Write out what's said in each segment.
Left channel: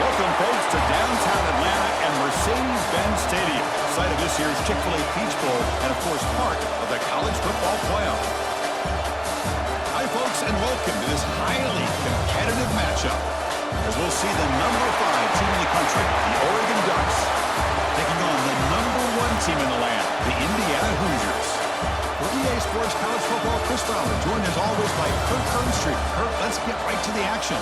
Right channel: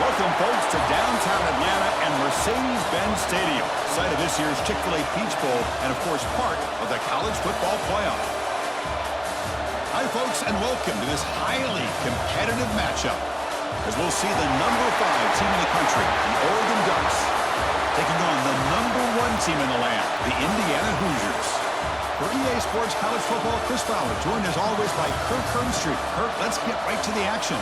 Welcome, folks, to downtown Atlanta and Mercedes-Benz Stadium, site of this year's Chick-fil-A Peach Bowl and, of course, part of the college football playoff. Hi, folks, and welcome to this highly competitive matchup, as we'll see the number 5 team in the country, the Oregon Ducks, taking on the number 1 team in the land, the Indiana Hoosiers. For EA Sports College Football, Chris Fowler, joined as always by Kirk Herbstreit. Kirk, let's get right to the action.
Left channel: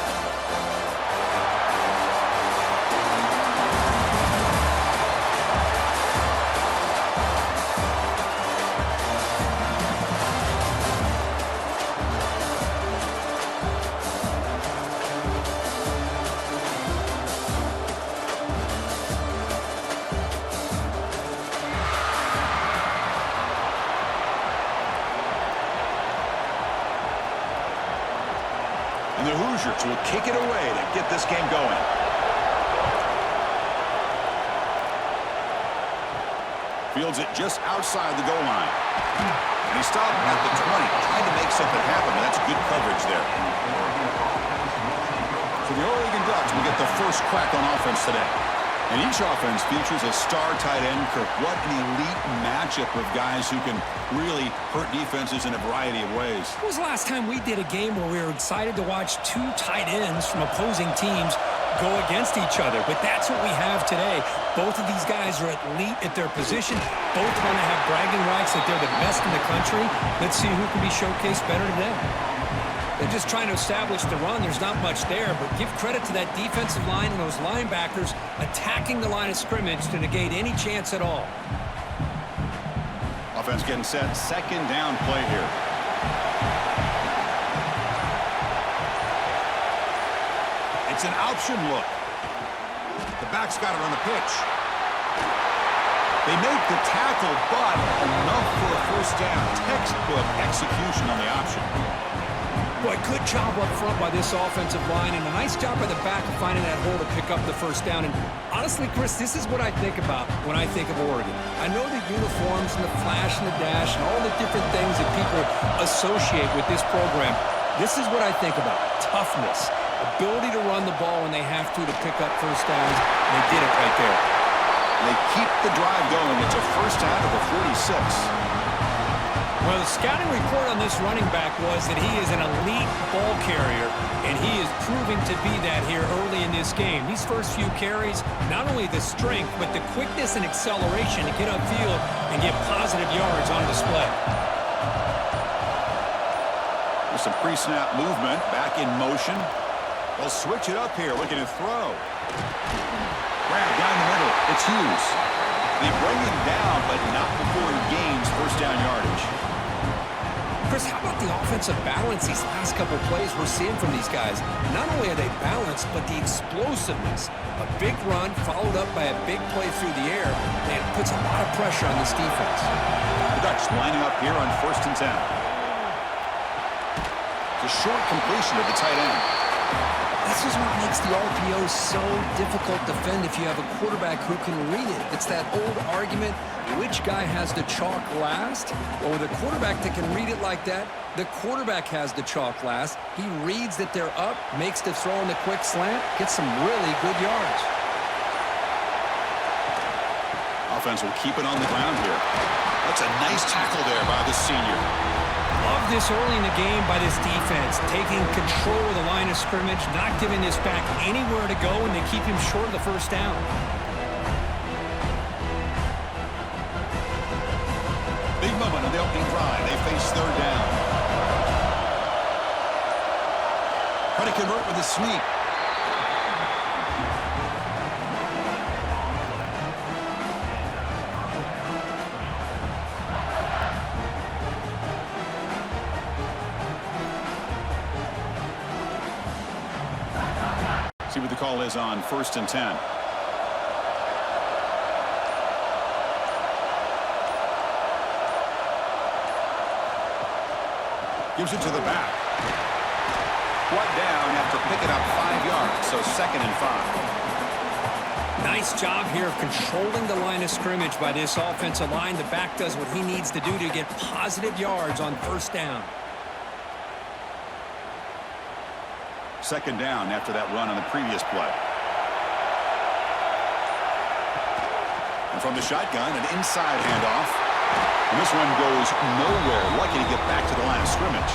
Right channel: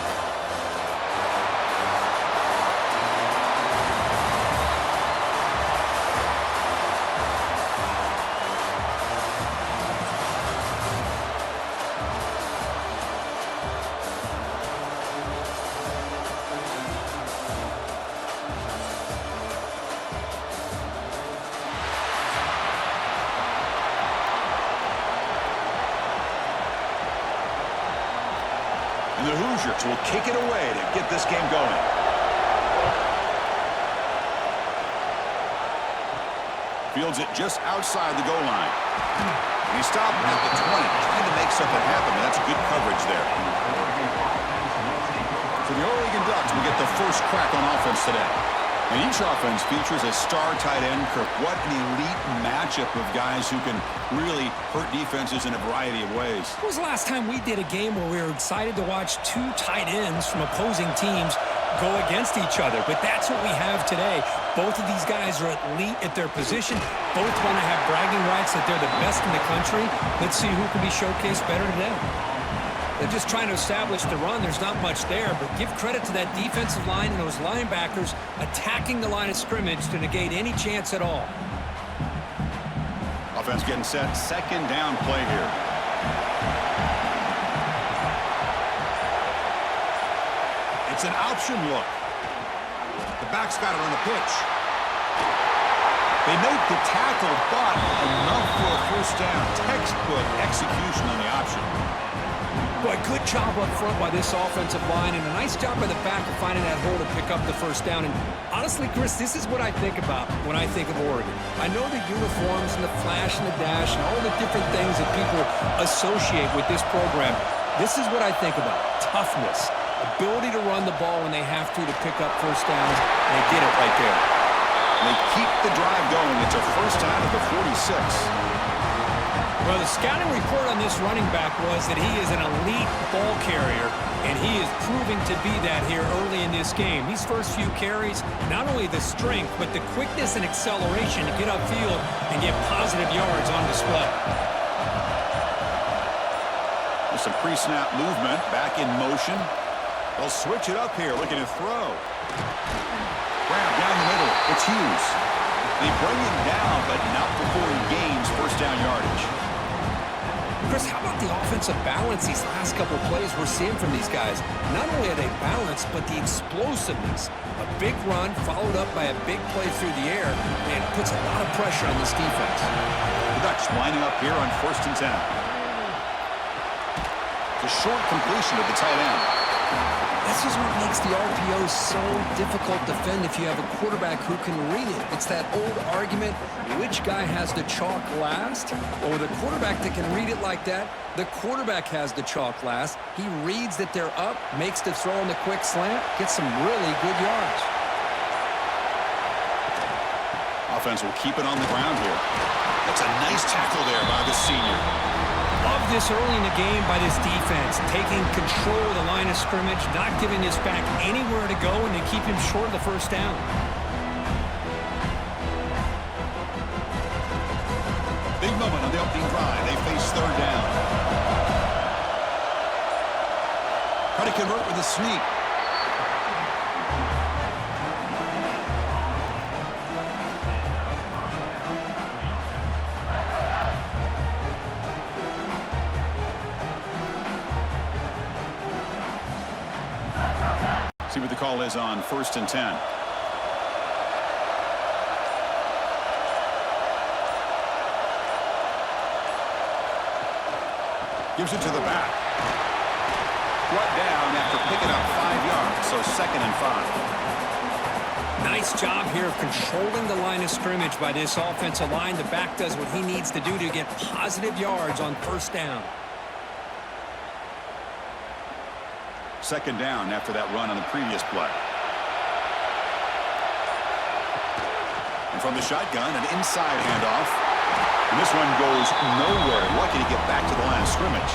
And the Hoosiers will kick it away to get this game going. Fields it just outside the goal line. And he stopped at the 20, trying to make something happen, but that's good coverage there. So the Oregon Ducks will get the first crack on offense today. And each offense features a star tight end, Kirk. What an elite matchup of guys who can really hurt defenses in a variety of ways. When was the last time we did a game where we were excited to watch 2 tight ends from opposing teams go against each other? But that's what we have today. Both of these guys are elite at their position. Both want to have bragging rights that they're the best in the country. Let's see who can be showcased better today. They're just trying to establish the run. There's not much there, but give credit to that defensive line and those linebackers attacking the line of scrimmage to negate any chance at all. Offense getting set. Second down play here. It's an option look. The back's got it on the pitch. They make the tackle, but enough for a first down. Textbook execution on the option. Boy, good job up front by this offensive line, and a nice job by the back of finding that hole to pick up the first down. And honestly, Chris, this is what I think about when I think of Oregon. I know the uniforms and the flash and the dash and all the different things that people associate with this program. This is what I think about: toughness, ability to run the ball when they have to pick up first downs, and they did it right there. They keep the drive going. It's a first down of the 46. Well, the scouting report on this running back was that he is an elite ball carrier, and he is proving to be that here early in this game. These first few carries, not only the strength, but the quickness and acceleration to get upfield and get positive yards on display. There's some pre-snap movement, back in motion. They'll switch it up here, looking to throw. Grab down the middle. It's Hughes. They bring him down, but not before he gains first down yardage. Chris, how about the offensive balance these last couple plays we're seeing from these guys? Not only are they balanced, but the explosiveness. A big run followed up by a big play through the air, and it puts a lot of pressure on this defense. The Ducks lining up here on 1st and 10. It's a short completion of the tight end. This is what makes the RPO so difficult to defend if you have a quarterback who can read it. It's that old argument, which guy has the chalk last? Well, with a quarterback that can read it like that, the quarterback has the chalk last. He reads that they're up, makes the throw in the quick slant, gets some really good yards. Offense will keep it on the ground here. That's a nice tackle there by the senior. Love this early in the game by this defense, taking control of the line of scrimmage, not giving this back anywhere to go, and they keep him short of the first down. Big moment on the opening drive. They face 3rd down. Try to convert with a sneak. See what the call is on 1st and 10. Gives it to the back. Brought down after picking up 5 yards, so 2nd and 5. Nice job here of controlling the line of scrimmage by this offensive line. The back does what he needs to do to get positive yards on first down. 2nd down after that run on the previous play. And from the shotgun, an inside handoff. And this one goes nowhere. Lucky to get back to the line of scrimmage.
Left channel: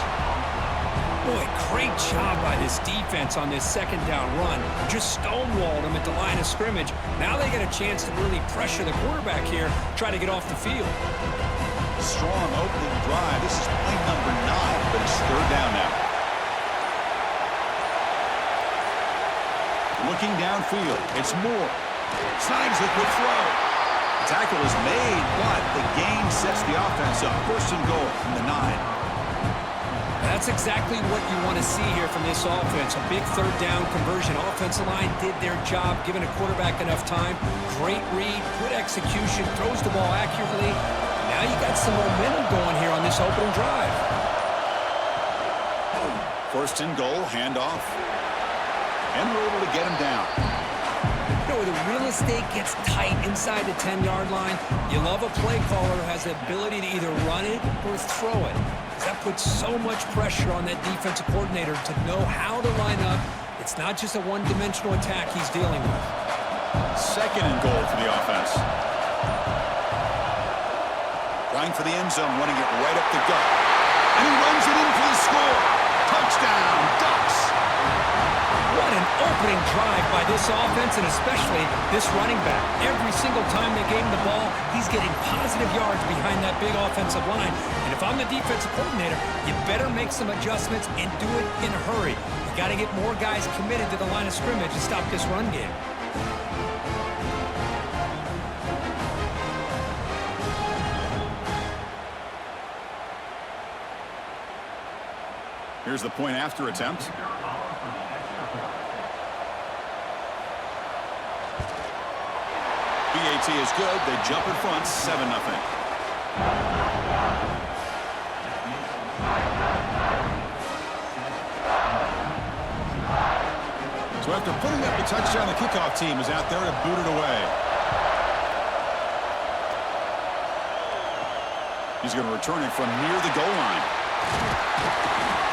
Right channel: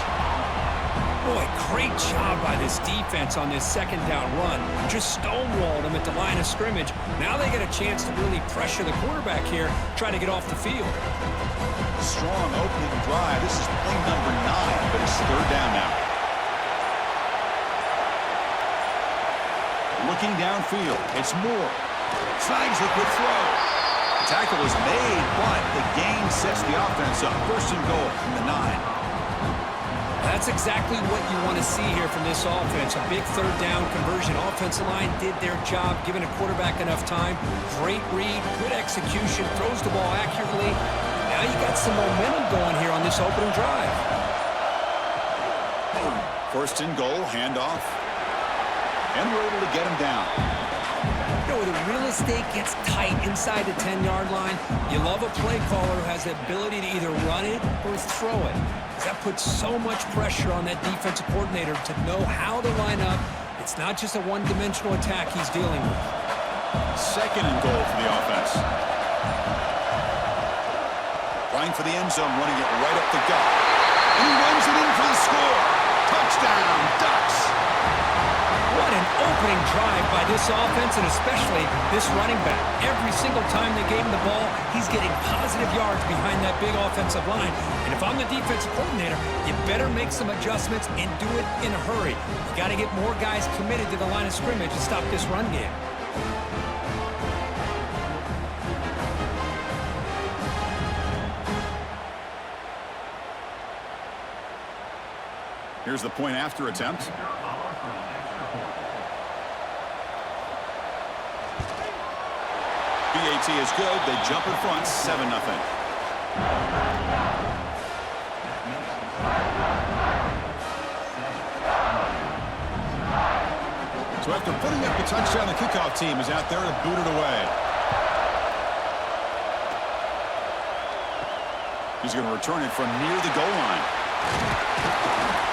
Boy, great job by this defense on this second down run. Just stonewalled him at the line of scrimmage. Now they get a chance to really pressure the quarterback here, try to get off the field. Strong opening drive. This is play number 9, but it's third down now. Looking downfield, it's Moore. Snags the quick throw. The tackle is made, but the gain sets the offense up. First and goal from the 9. That's exactly what you want to see here from this offense. A big third down conversion. Offensive line did their job, giving a quarterback enough time. Great read, good execution, throws the ball accurately. Now you got some momentum going here on this opening drive. First and goal, handoff. And we're able to get him down. You know, where the real estate gets tight inside the 10-yard line, you love a play caller who has the ability to either run it or throw it. That puts so much pressure on that defensive coordinator to know how to line up. It's not just a one-dimensional attack he's dealing with. Second and goal for the offense. Trying for the end zone, running it right up the gut. And he runs it in for the score. Touchdown, Ducks. What an opening drive by this offense, and especially this running back. Every single time they gave him the ball, he's getting positive yards behind that big offensive line. And if I'm the defensive coordinator, you better make some adjustments and do it in a hurry. You got to get more guys committed to the line of scrimmage to stop this run game. Here's the point after attempt. BAT is good. They jump in front, 7-0. So after putting up the touchdown, the kickoff team is out there to boot it away. He's going to return it from near the goal line.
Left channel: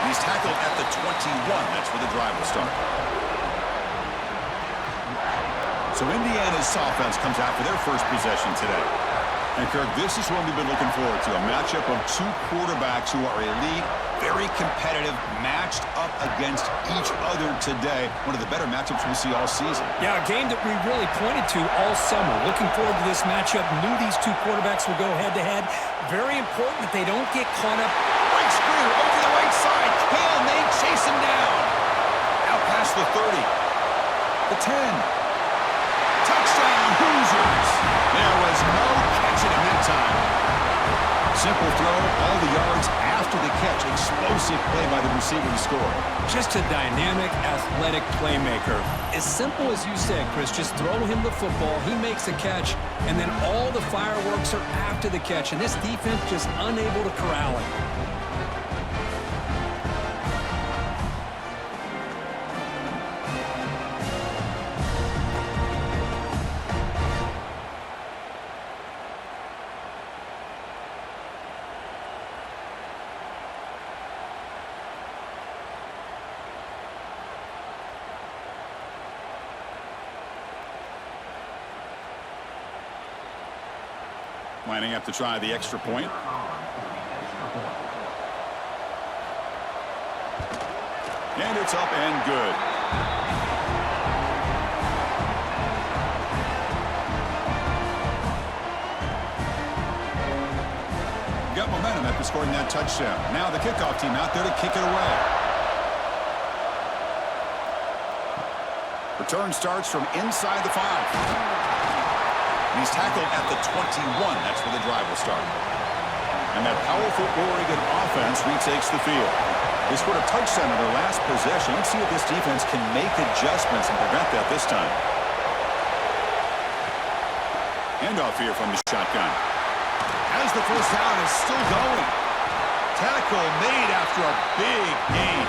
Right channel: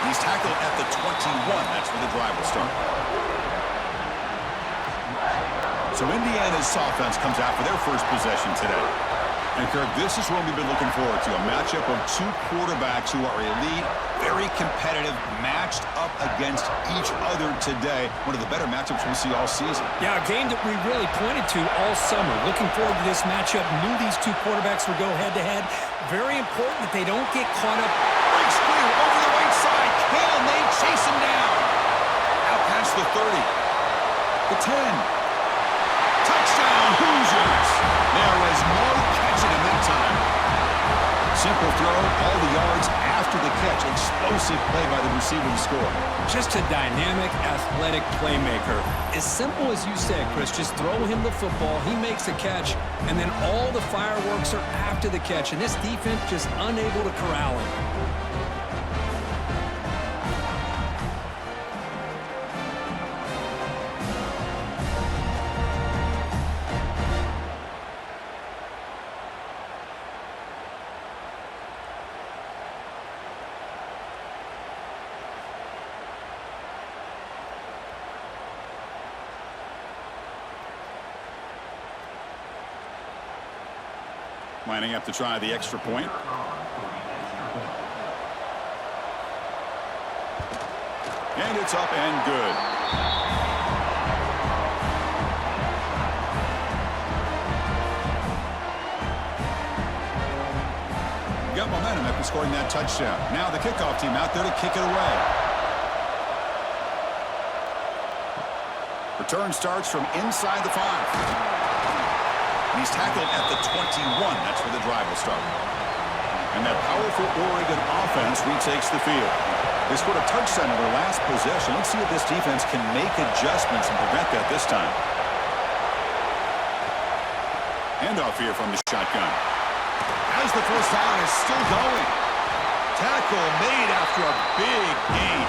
And he's tackled at the 21. That's where the drive will start. So Indiana's offense comes out for their first possession today. And Kirk, this is what we've been looking forward to, a matchup of two quarterbacks who are elite, very competitive, matched up against each other today. One of the better matchups we'll see all season. Yeah, a game that we really pointed to all summer. Looking forward to this matchup. Knew these two quarterbacks would go head-to-head. Very important that they don't get caught up. Big screen over the right side. Can they chase him down? Out past the 30. The 10. Touchdown, Hoosiers. There was no catching him that time. Simple throw, all the yards after the catch. Explosive play by the receiver to score. Just a dynamic, athletic playmaker. As simple as you said, Chris, just throw him the football, he makes a catch, and then all the fireworks are after the catch, and this defense just unable to corral him. Lining up to try the extra point. And it's up and good. Got momentum after scoring that touchdown. Now the kickoff team out there to kick it away. Return starts from inside the 5. And he's tackled at the 21. That's where the drive will start. And that powerful Oregon offense retakes the field. They scored a touchdown in their last possession. Let's see if this defense can make adjustments and prevent that this time. Handoff here from the shotgun. As the first down is still going. Tackle made after a big gain.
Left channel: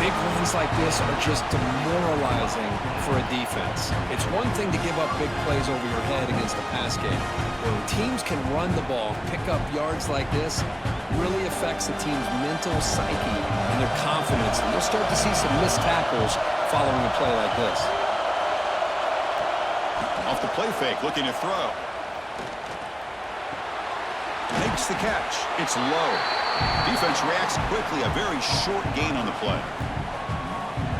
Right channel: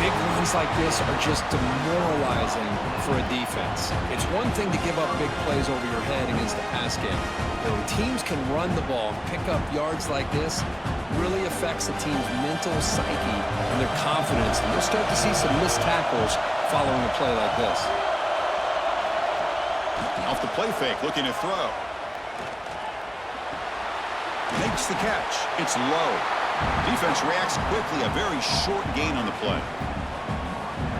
Big runs like this are just demoralizing for a defense. It's one thing to give up big plays over your head against the pass game. When teams can run the ball, pick up yards like this, really affects the team's mental psyche and their confidence. And you'll start to see some missed tackles following a play like this. Off the play fake, looking to throw. Makes the catch. It's low. Defense reacts quickly. A very short gain on the play.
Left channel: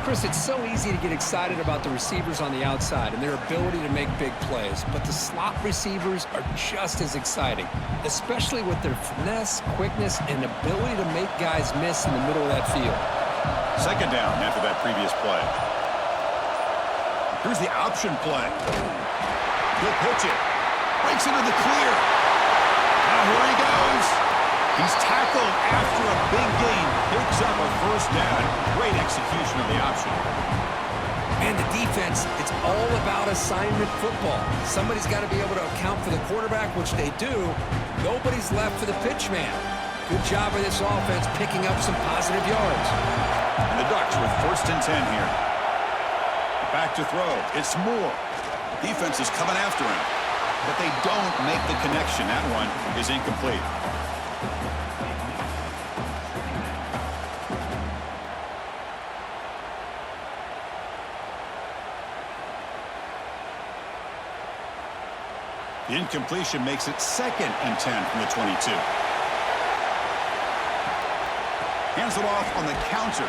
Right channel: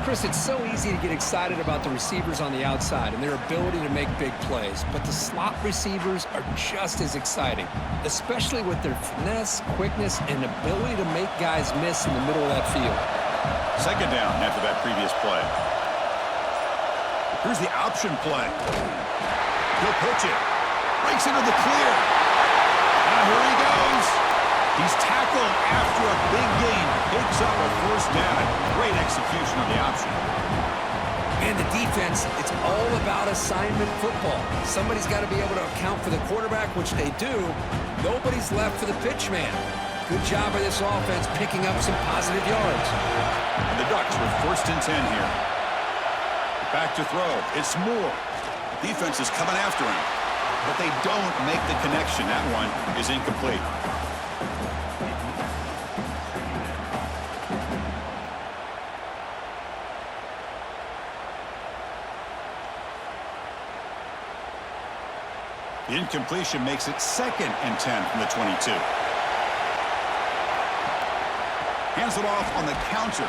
Chris, it's so easy to get excited about the receivers on the outside and their ability to make big plays, but the slot receivers are just as exciting, especially with their finesse, quickness, and ability to make guys miss in the middle of that field. Second down after that previous play. Here's the option play. He'll pitch it. Breaks into the clear. Now here he goes. He's tackled after a big gain. Picks up a first down. Great execution on the option. And the defense, it's all about assignment football. Somebody's got to be able to account for the quarterback, which they do. Nobody's left for the pitch man. Good job of this offense picking up some positive yards. And the Ducks with 1st and 10 here. Back to throw. It's Moore. Defense is coming after him. But they don't make the connection. That one is incomplete. The incompletion makes it 2nd and 10 from the 22. Hands it off on the counter.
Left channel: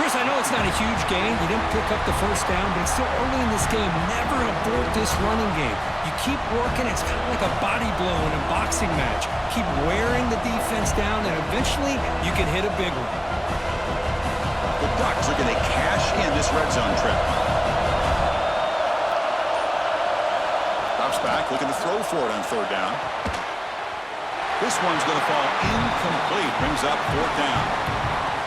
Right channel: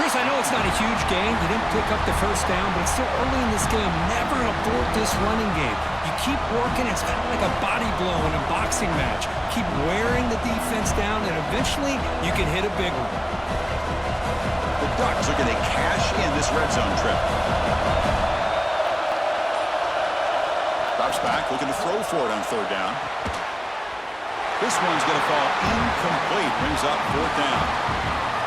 Chris, I know it's not a huge gain. You didn't pick up the first down, but it's still early in this game. Never abort this running game. You keep working. It's kind of like a body blow in a boxing match. Keep wearing the defense down, and eventually you can hit a big one. The Ducks looking to cash in this red zone trip. Drops back, looking to throw for it on 3rd down. This one's going to fall incomplete. Brings up 4th down.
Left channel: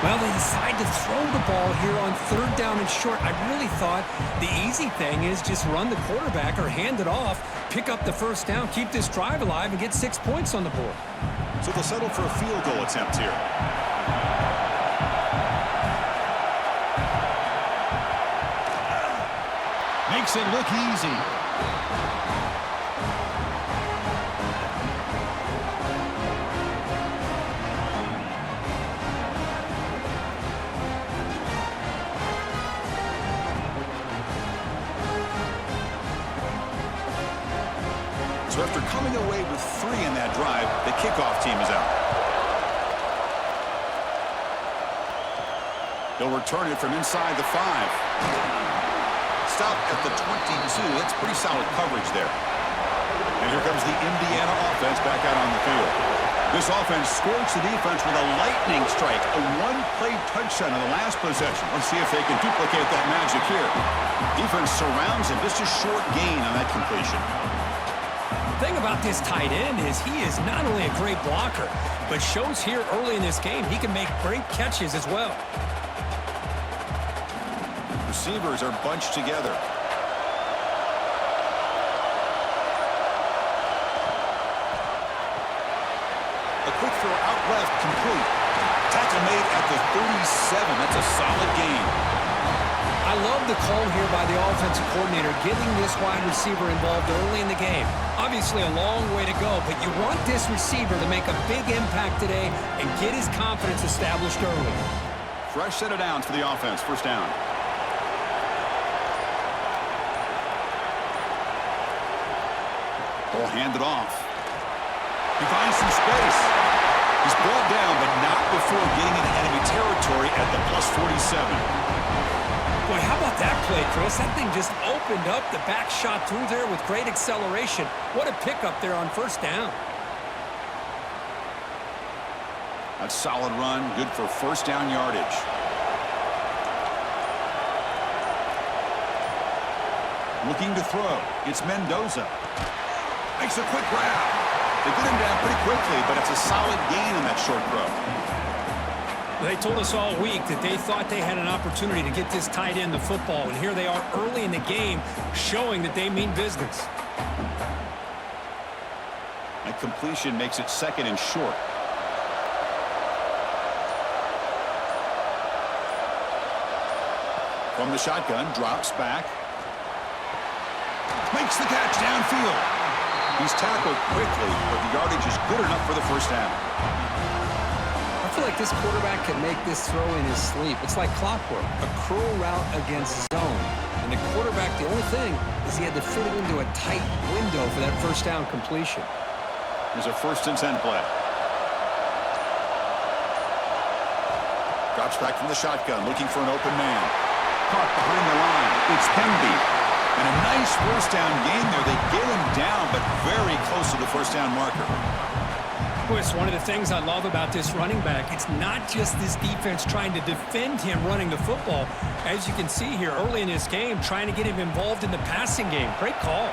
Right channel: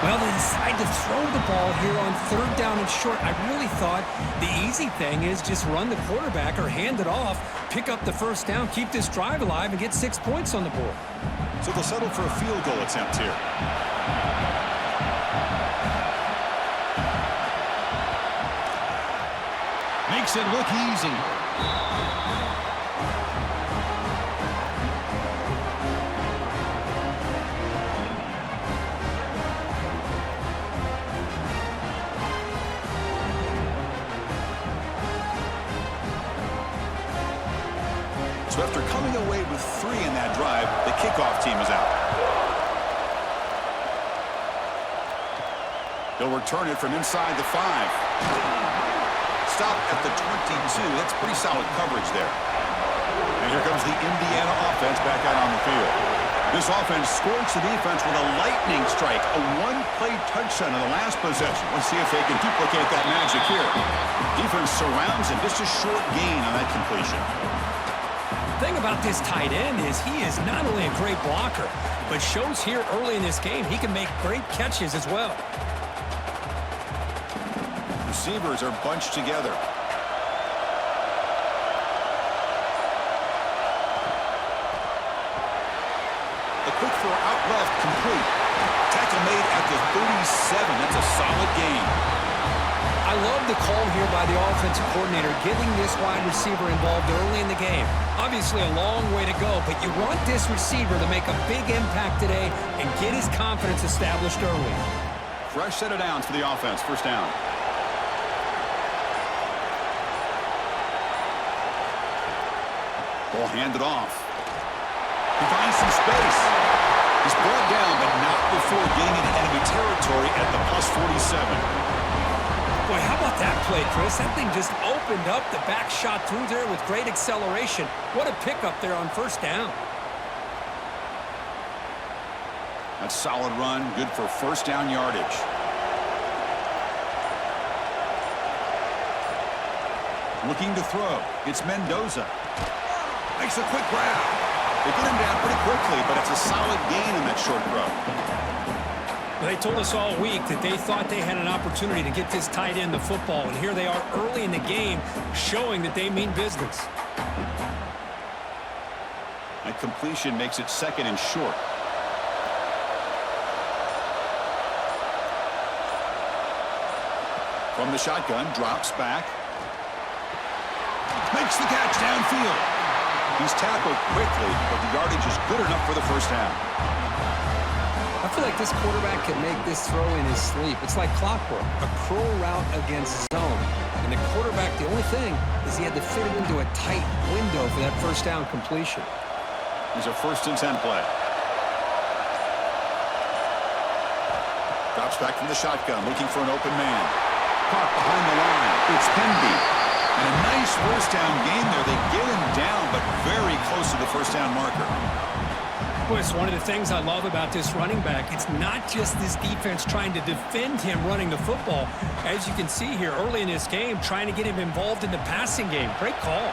Well, they decide to throw the ball here on 3rd down and short. I really thought the easy thing is just run the quarterback or hand it off, pick up the first down, keep this drive alive, and get 6 points on the board. So they'll settle for a field goal attempt here. Makes it look easy. So after coming away with 3 in that drive, the kickoff team is out. He'll return it from inside the 5. Stop at the 22. That's pretty solid coverage there. And here comes the Indiana offense back out on the field. This offense scorched the defense with a lightning strike, a one-play touchdown in the last possession. Let's see if they can duplicate that magic here. Defense surrounds him. Just a short gain on that completion. The thing about this tight end is he is not only a great blocker, but shows here early in this game he can make great catches as well. Receivers are bunched together. A quick throw out left, complete. Tackle made at the 37. That's a solid gain. I love the call here by the offensive coordinator, getting this wide receiver involved early in the game. Obviously a long way to go, but you want this receiver to make a big impact today and get his confidence established early. Fresh set of downs for the offense. 1st down. Ball handed off. He finds some space. He's brought down, but not before getting into enemy territory at the +47. Boy, how about that play, Chris? That thing just opened up. The back shot through there with great acceleration. What a pickup there on 1st down. That's solid run, good for 1st down yardage. Looking to throw. It's Mendoza. Makes a quick grab. They get him down pretty quickly, but it's a solid gain on that short throw. They told us all week that they thought they had an opportunity to get this tight end the football, and here they are early in the game showing that they mean business. That completion makes it 2nd and short. From the shotgun, drops back. Makes the catch downfield. He's tackled quickly, but the yardage is good enough for the 1st down. I feel like this quarterback can make this throw in his sleep. It's like clockwork, a curl route against zone. And the quarterback, the only thing is he had to fit it into a tight window for that first down completion. Here's a 1st and 10 play. Drops back from the shotgun, looking for an open man. Caught behind the line. It's Hemby. And a nice 1st down gain there. They get him down, but very close to the 1st down marker. Boy, it's one of the things I love about this running back. It's not just this defense trying to defend him running the football. As you can see here early in this game, trying to get him involved in the passing game. Great call.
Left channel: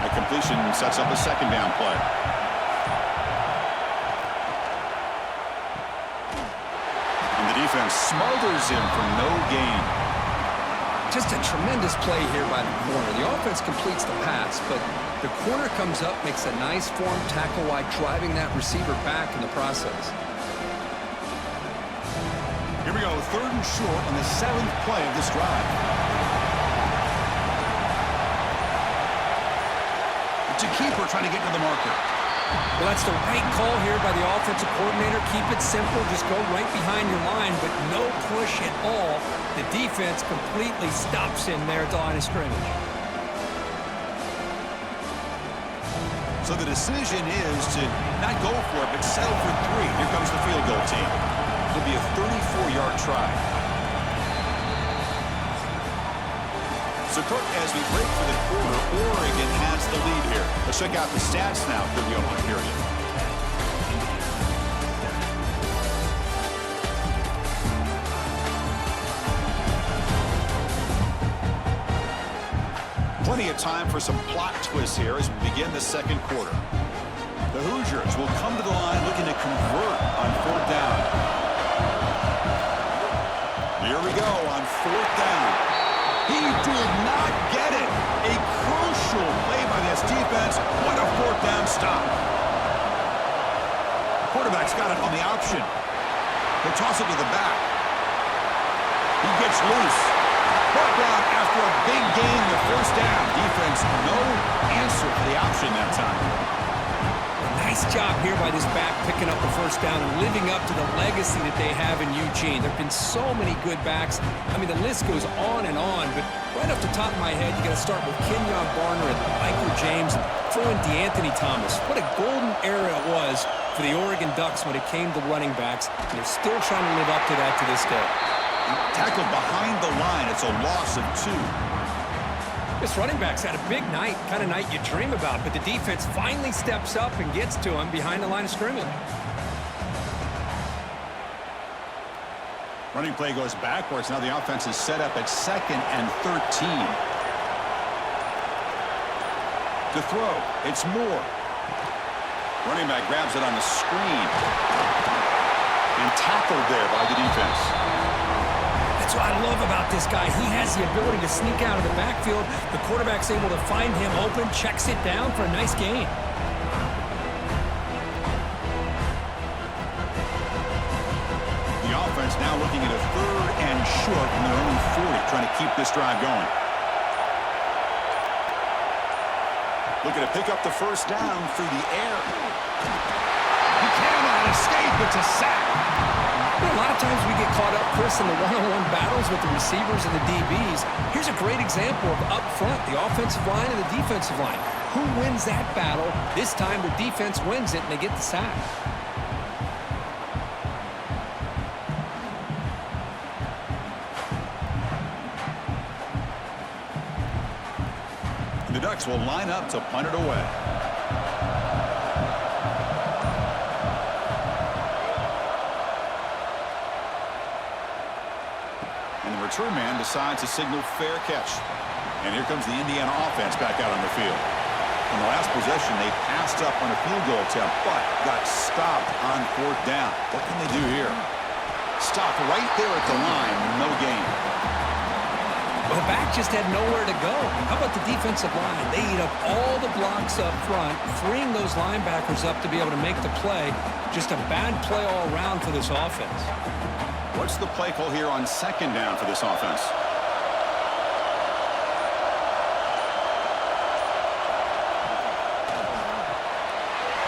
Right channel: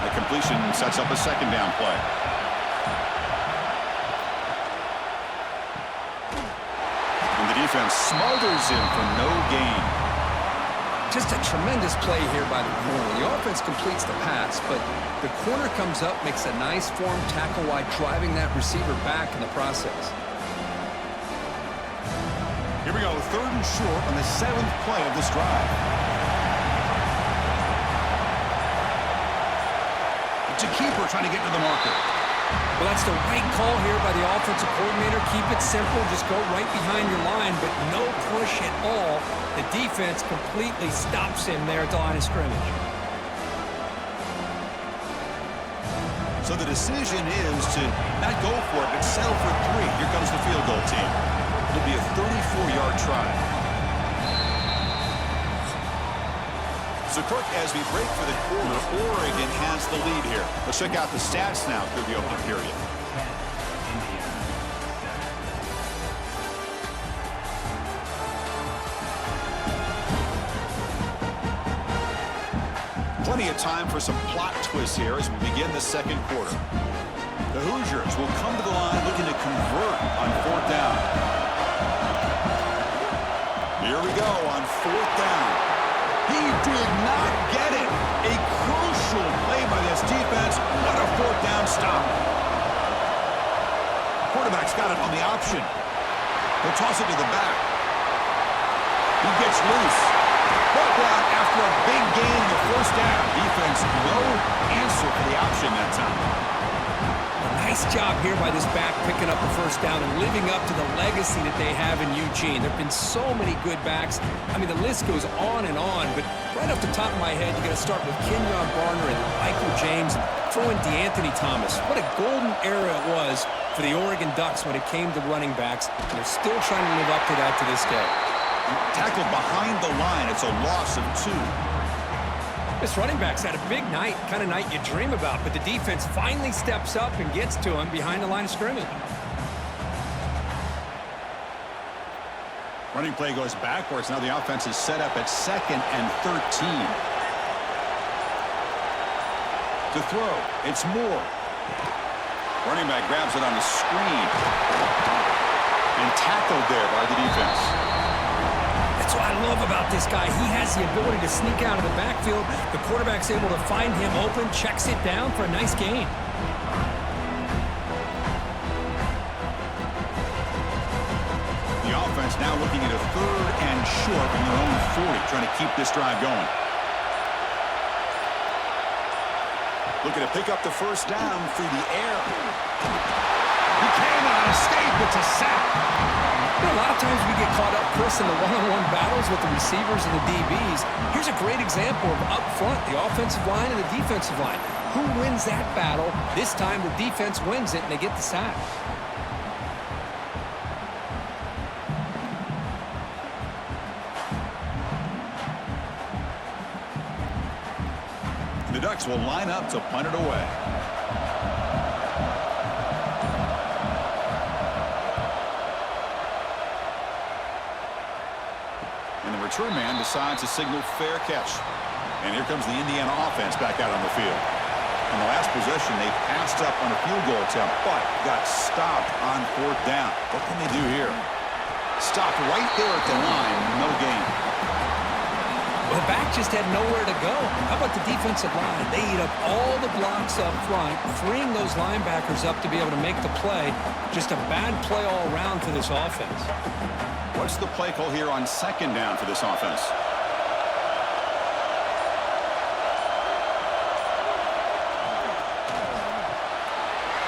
A completion sets up a 2nd down play. And the defense smothers him for no gain. Just a tremendous play here by the corner. The offense completes the pass, but the corner comes up, makes a nice form tackle while driving that receiver back in the process. Here we go, 3rd and short on the 7th play of this drive. It's a keeper trying to get to the marker. Well, that's the right call here by the offensive coordinator. Keep it simple. Just go right behind your line, but no push at all. The defense completely stops him there at the line of scrimmage. So the decision is to not go for it, but settle for 3. Here comes the field goal team. It'll be a 34-yard try. So, Cook, as we break for the quarter, Oregon has the lead here. Let's check out the stats now through the opening period. Plenty of time for some plot twists here as we begin the 2nd quarter. The Hoosiers will come to the line looking to convert on 4th down. Here we go on 4th down. He did not get it. A crucial play by this defense. What a 4th down stop. Quarterback's got it on the option. He'll toss it to the back. He gets loose. Brought down after a big gain in the 1st down. Defense, no answer for the option that time. Nice job here by this back picking up the 1st down and living up to the legacy that they have in Eugene. There have been so many good backs. I mean, the list goes on and on, but right off the top of my head, you got to start with Kenyon Barner and Michael James and throw in DeAnthony Thomas. What a golden era it was for the Oregon Ducks when it came to running backs, and they're still trying to live up to that to this day. Tackled behind the line. It's a loss of 2. This running back's had a big night, kind of night you dream about, but the defense finally steps up and gets to him behind the line of scrimmage. Running play goes backwards. Now the offense is set up at 2nd and 13. To throw, it's Moore. Running back grabs it on the screen. And tackled there by the defense. That's what I love about this guy. He has the ability to sneak out of the backfield. The quarterback's able to find him open, checks it down for a nice gain. The offense now looking at a 3rd and short from their own 40, trying to keep this drive going. Looking to pick up the 1st down through the air. He cannot escape. It's a sack. You know, a lot of times we get caught up, Chris, in the one-on-one battles with the receivers and the DBs. Here's a great example of up front, the offensive line and the defensive line. Who wins that battle? This time the defense wins it, and they get the sack. The Ducks will line up to punt it away. And the return man decides to signal fair catch. And here comes the Indiana offense back out on the field. On the last possession, they passed up on a field goal attempt, but got stopped on 4th down. What can they do here? Stopped right there at the line, no gain. Well, the back just had nowhere to go. How about the defensive line? They eat up all the blocks up front, freeing those linebackers up to be able to make the play. Just a bad play all around for this offense. What's the play call here on 2nd down for this offense?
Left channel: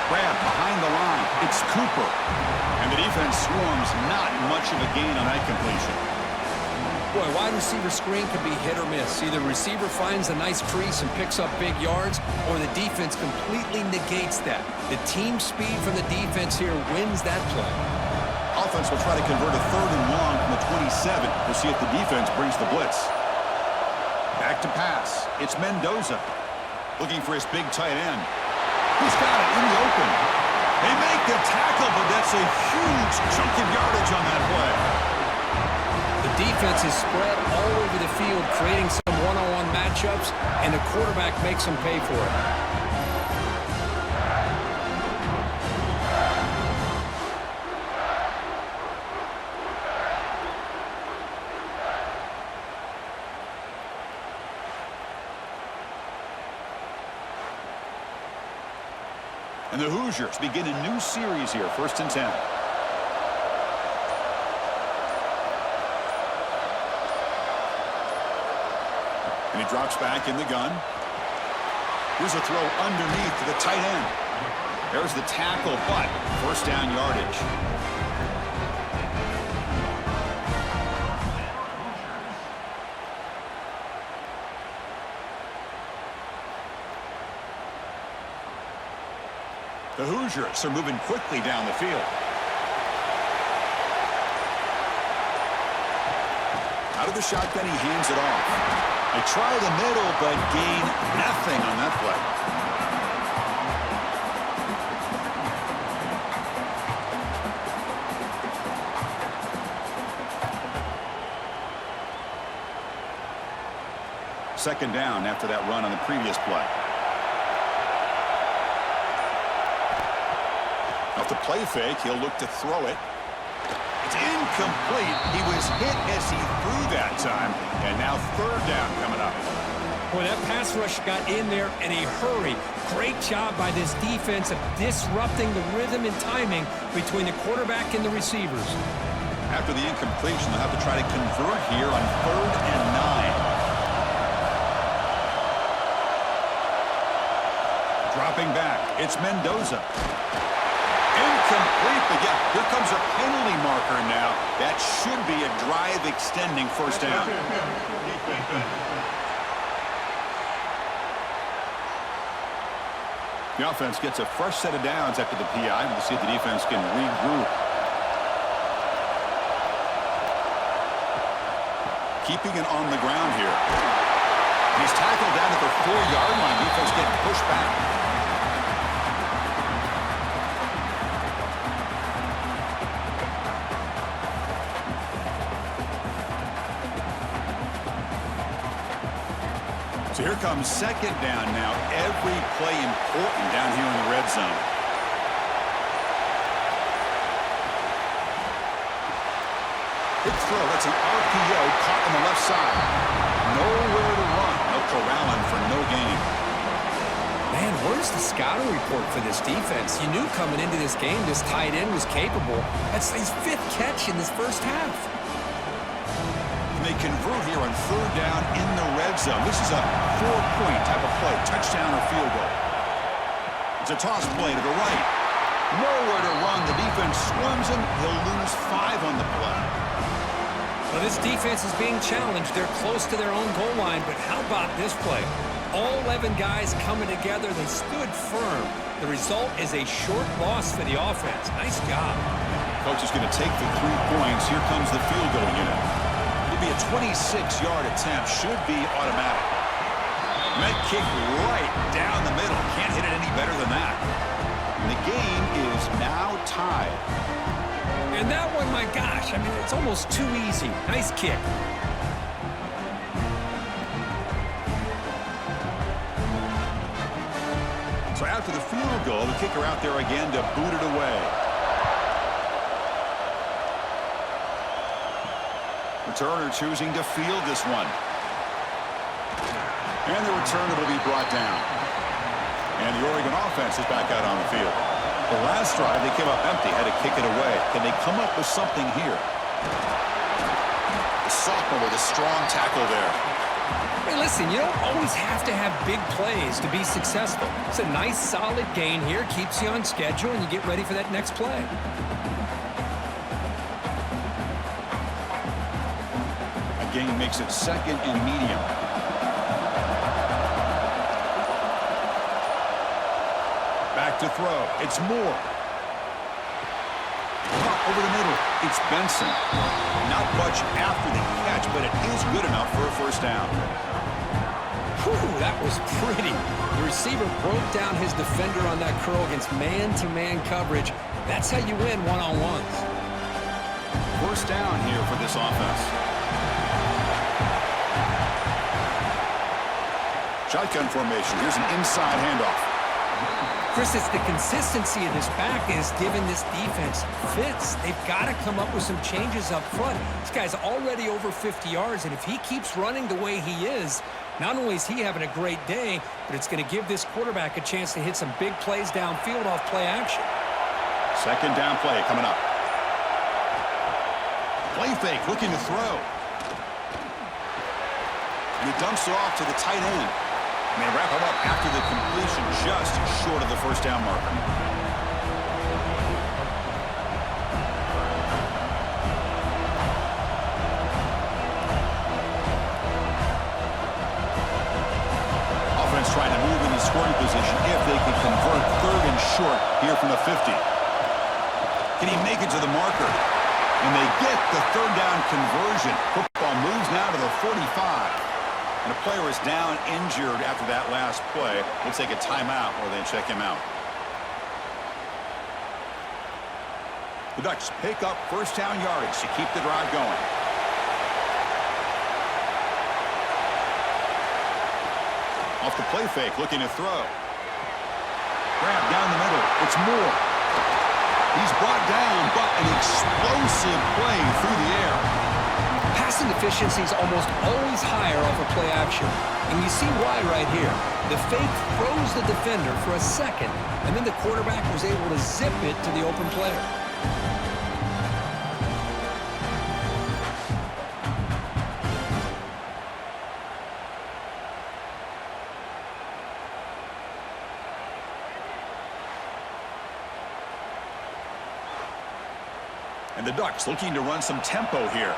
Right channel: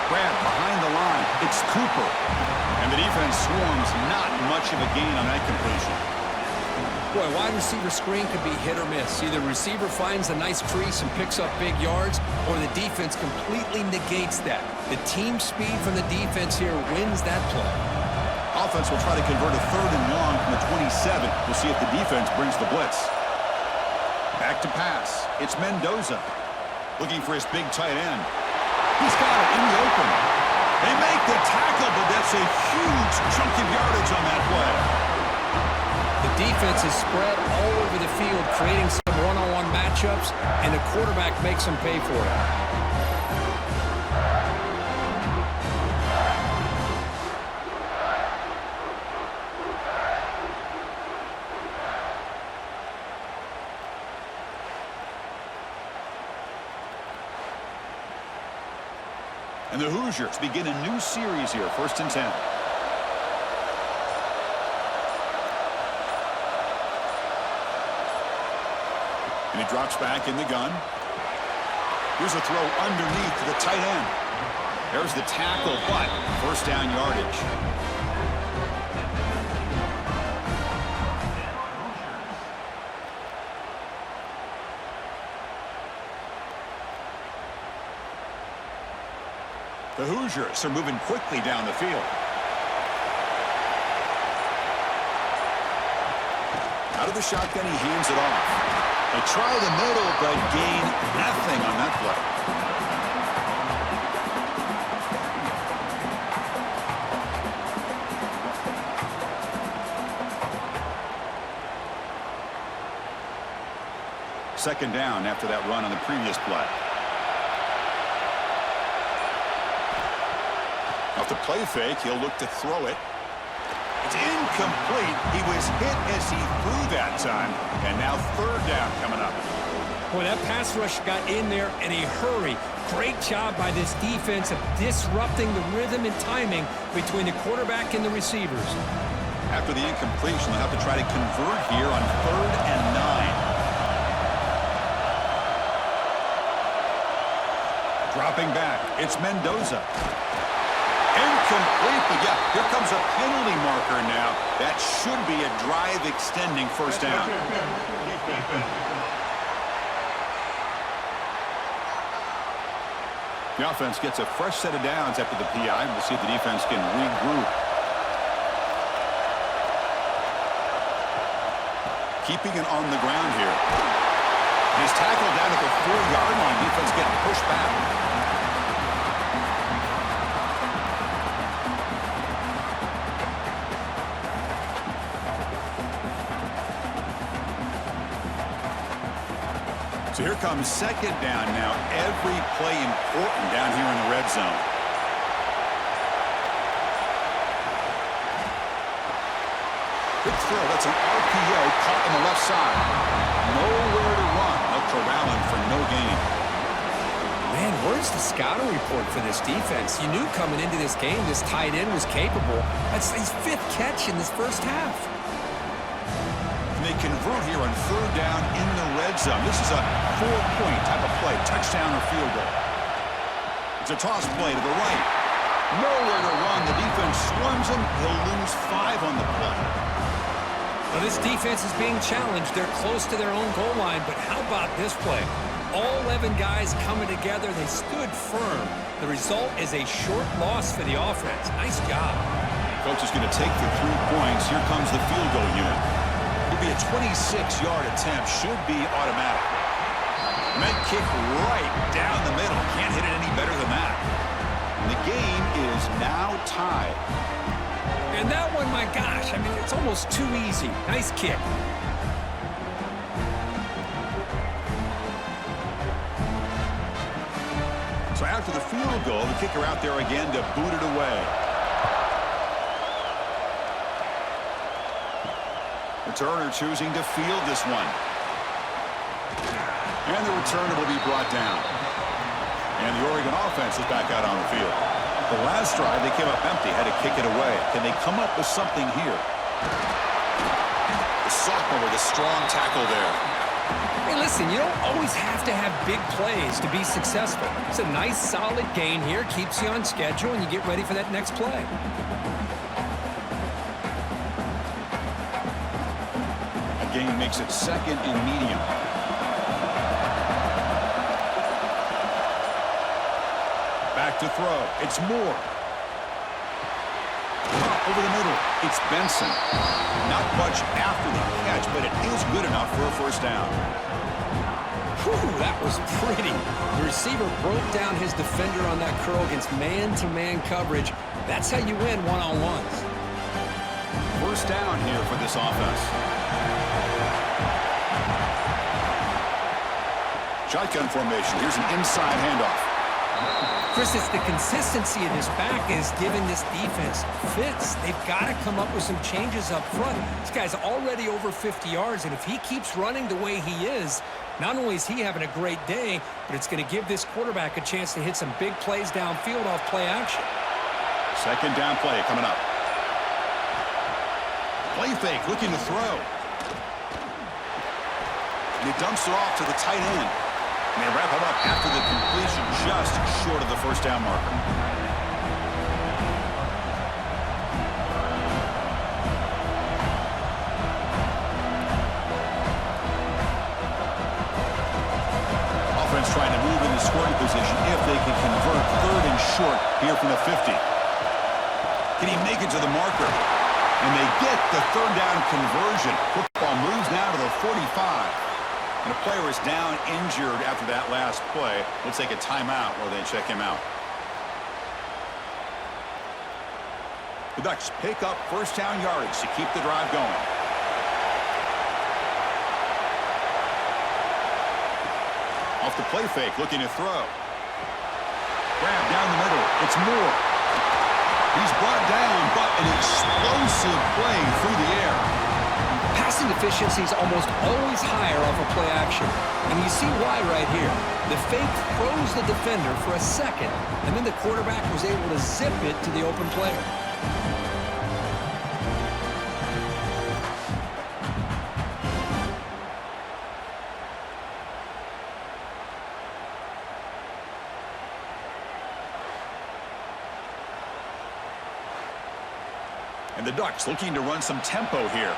Grab behind the line. It's Cooper. And the defense swarms, not much of a gain on that completion. Boy, wide receiver screen can be hit or miss. Either the receiver finds a nice crease and picks up big yards, or the defense completely negates that. The team speed from the defense here wins that play. Offense will try to convert a 3rd and long from the 27. We'll see if the defense brings the blitz. Back to pass. It's Mendoza. Looking for his big tight end. He's got it in the open. They make the tackle, but that's a huge chunk of yardage on that play. The defense is spread all over the field, creating some one-on-one matchups, and the quarterback makes them pay for it. And the Hoosiers begin a new series here, 1st and 10. And he drops back in the gun. Here's a throw underneath to the tight end. There's the tackle, but 1st down yardage. The Hoosiers are moving quickly down the field. Out of the shotgun, he hands it off. They try the middle, but gain nothing on that play. Second down after that run on the previous play. Off the play fake, he'll look to throw it. It's incomplete. He was hit as he threw that time. And now 3rd down coming up. Boy, that pass rush got in there in a hurry. Great job by this defense of disrupting the rhythm and timing between the quarterback and the receivers. After the incompletion, they'll have to try to convert here on 3rd and 9. Dropping back, it's Mendoza. Incomplete, but yeah, here comes a penalty marker now. That should be a drive-extending 1st down. The offense gets a fresh set of downs after the PI. We'll see if the defense can regroup. Keeping it on the ground here. He's tackled down at the 4-yard line. Defense getting pushed back. So here comes 2nd down now. Every play important down here in the red zone. Good throw. That's an RPO caught on the left side. Nowhere to run. No corralling for no gain. Man, where's the scouting report for this defense? You knew coming into this game this tight end was capable. That's his 5th catch in this first half. They convert here on 3rd down in the red zone. This is a 4-point type of play, touchdown or field goal. It's a toss play to the right. Nowhere to run. The defense swarms him. He'll lose 5 on the play. Well, this defense is being challenged. They're close to their own goal line, but how about this play? All 11 guys coming together. They stood firm. The result is a short loss for the offense. Nice job. Coach is going to take the 3 points. Here comes the field goal unit. It'll be a 26-yard attempt. Should be automatic. Met kick right down the middle. Can't hit it any better than that. And the game is now tied. And that one, my gosh, I mean, it's almost too easy. Nice kick. So after the field goal, the kicker out there again to boot it away. Returner choosing to field this one. And the returner will be brought down. And the Oregon offense is back out on the field. The last drive, they came up empty, had to kick it away. Can they come up with something here? The sophomore with a strong tackle there. Hey, listen, you don't always have to have big plays to be successful. It's a nice, solid gain here, keeps you on schedule, and you get ready for that next play. gain makes it 2nd and medium. Back to throw. It's Moore. Up over the middle. It's Benson. Not much after the catch, but it is good enough for a first down. Whew, that was pretty. The receiver broke down his defender on that curl against man-to-man coverage. That's how you win one-on-ones. First down here for this offense. Shotgun formation. Here's an inside handoff. Chris, it's the consistency of this back is giving this defense fits. They've got to come up with some changes up front. This guy's already over 50 yards, and if he keeps running the way he is, not only is he having a great day, but it's going to give this quarterback a chance to hit some big plays downfield off play action. Second down play coming up. Play fake, looking to throw. And he dumps it off to the tight end. And they wrap him up after the completion, just short of the first down marker. Offense trying to move into scoring position if they can convert 3rd and short here from the 50. Can he make it to the marker? And they get the 3rd down conversion. Football moves now to the 45. And a player is down injured after that last play. We'll take a timeout while they check him out. The Ducks pick up first down yardage to keep the drive going. Off the play fake, looking to throw. Grab down the middle. It's Moore. He's brought down, but an explosive play through the air. Passing efficiency is almost always higher off of play action. And you see why right here. The fake froze the defender for a second, and then the quarterback was able to zip it to the open player. And the Ducks looking to run some tempo here.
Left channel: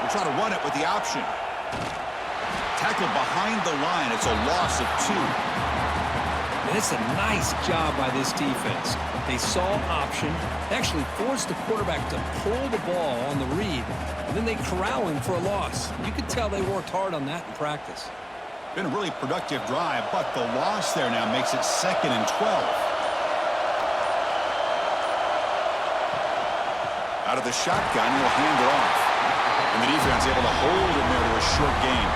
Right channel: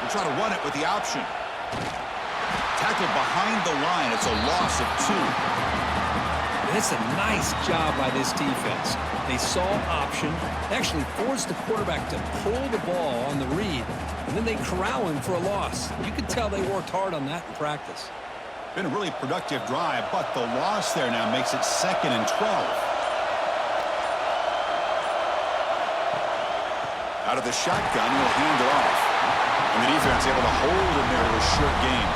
We'll try to run it with the option. Tackled behind the line. It's a loss of 2. And it's a nice job by this defense. They saw option, actually forced the quarterback to pull the ball on the read, and then they corral him for a loss. You could tell they worked hard on that in practice. Been a really productive drive, but the loss there now makes it 2nd and 12. Out of the shotgun, he'll hand it off. And the defense able to hold him there to a short gain.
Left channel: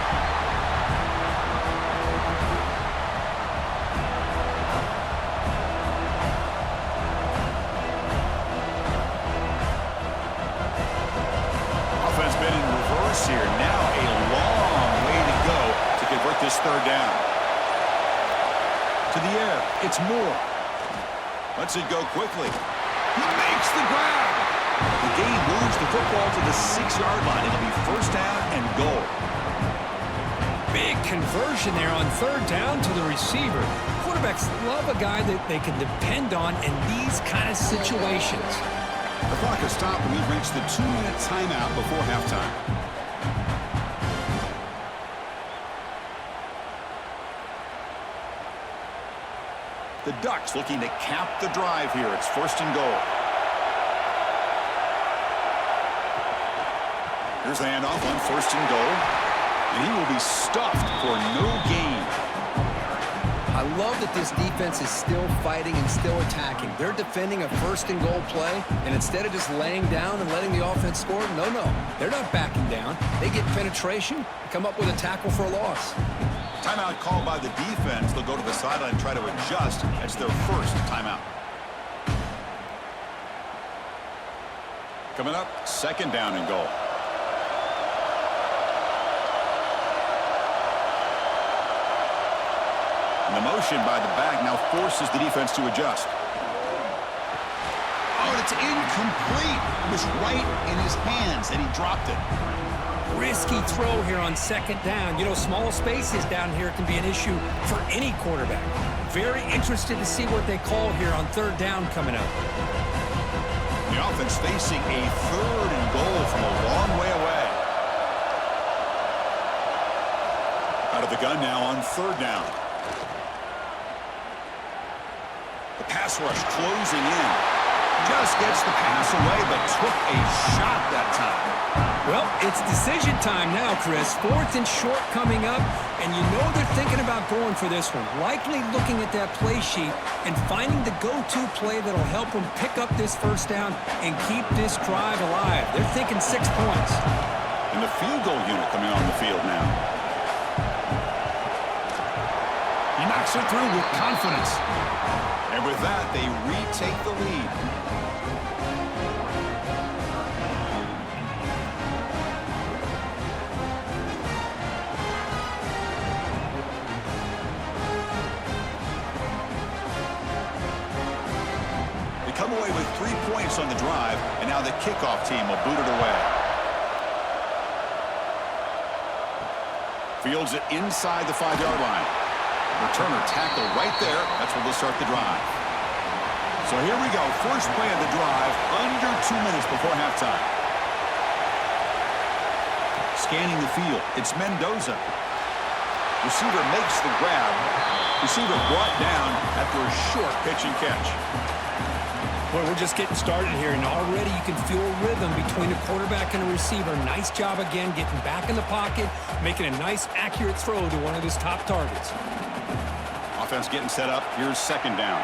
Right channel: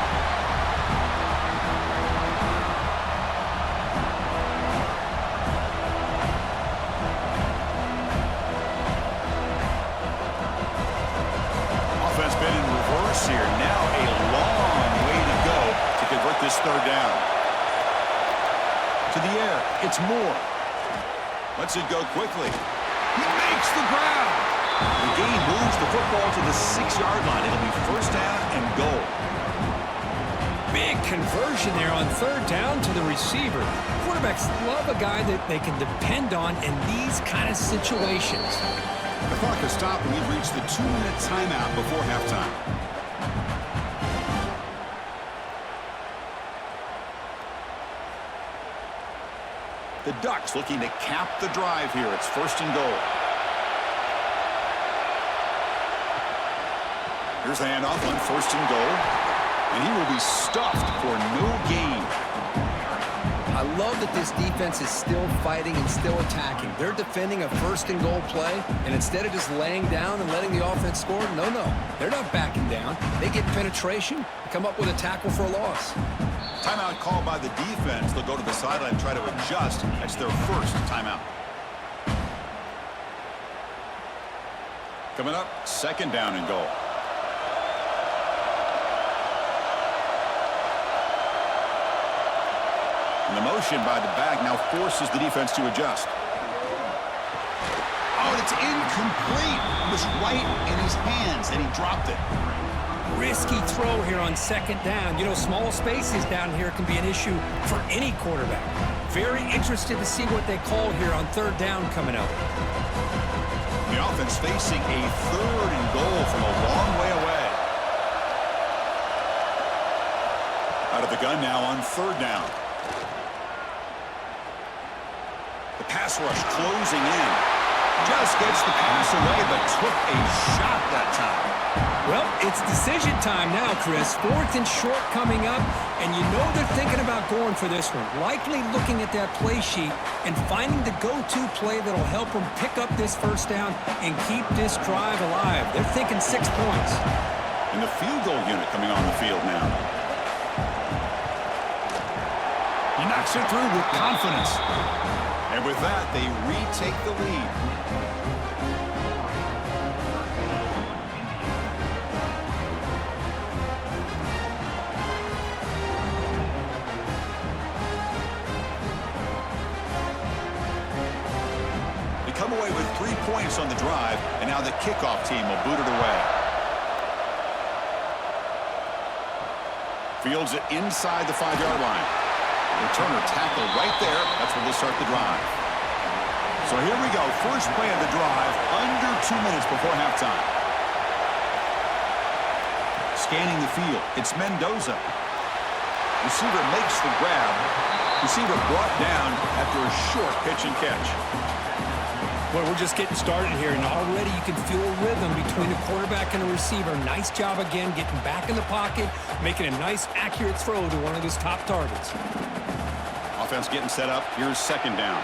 Offense been in reverse here. Now a long way to go to convert this 3rd down. To the air. It's Moore. Lets it go quickly. He makes the grab. The game moves the football to the 6-yard line. It'll be first down and goal. Big conversion there on 3rd down to the receiver. Quarterbacks love a guy that they can depend on in these kind of situations. The clock has stopped and we've reached the 2-minute timeout before halftime. The Ducks looking to cap the drive here. It's 1st and goal. Here's the handoff on 1st and goal. And he will be stuffed for no gain. I love that this defense is still fighting and still attacking. They're defending a 1st and goal play, and instead of just laying down and letting the offense score, no. They're not backing down. They get penetration, come up with a tackle for a loss. Timeout called by the defense. They'll go to the sideline and try to adjust. That's their first timeout. Coming up, 2nd down and goal. And the motion by the back now forces the defense to adjust. Oh, and it's incomplete. It was right in his hands, and he dropped it. risky throw here on second down. You know, small spaces down here can be an issue for any quarterback. Very interested to see what they call here on third down coming up. The offense facing a 3rd and goal from a long way away. Out of the gun now on 3rd down. The pass rush closing in. Just gets the pass away, but took a shot that time. Well, it's decision time now, Chris. 4th and short coming up, and you know they're thinking about going for this one. Likely looking at that play sheet and finding the go-to play that'll help them pick up this first down and keep this drive alive. They're thinking 6 points. And the field goal unit coming on the field now. He knocks it through with confidence. And with that, they retake the lead. They come away with 3 points on the drive, and now the kickoff team will boot it away. Fields it inside the 5-yard line. Returner tackle right there. That's where they'll start the drive. So here we go. First play of the drive, under 2 minutes before halftime. Scanning the field. It's Mendoza. Receiver makes the grab. Receiver brought down after a short pitch and catch. Well, we're just getting started here, and already you can feel a rhythm between a quarterback and a receiver. Nice job again getting back in the pocket, making a nice, accurate throw to one of his top targets. Offense getting set up. Here's 2nd down.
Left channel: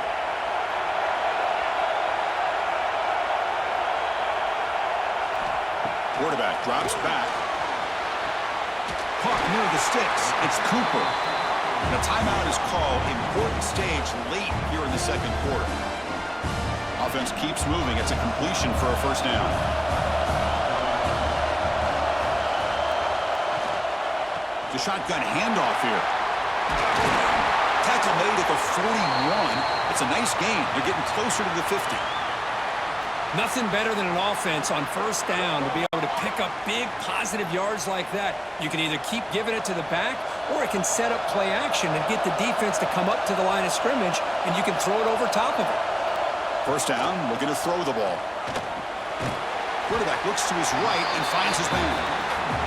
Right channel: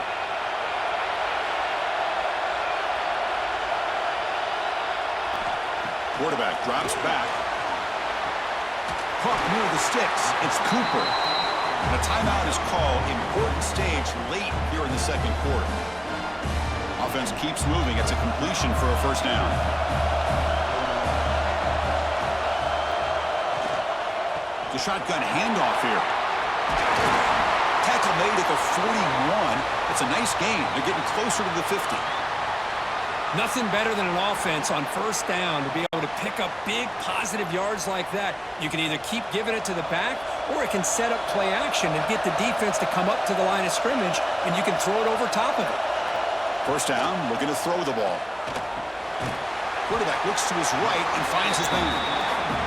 Quarterback drops back. Caught near the sticks. It's Cooper. And a timeout is called. Important stage late here in the 2nd quarter. Offense keeps moving. It's a completion for a first down. The shotgun handoff here. Tackle made at the 41. It's a nice gain. They're getting closer to the 50. Nothing better than an offense on first down to be able to pick up big positive yards like that. You can either keep giving it to the back, or it can set up play action and get the defense to come up to the line of scrimmage, and you can throw it over top of it. First down, looking to throw the ball. Quarterback looks to his right and finds his man.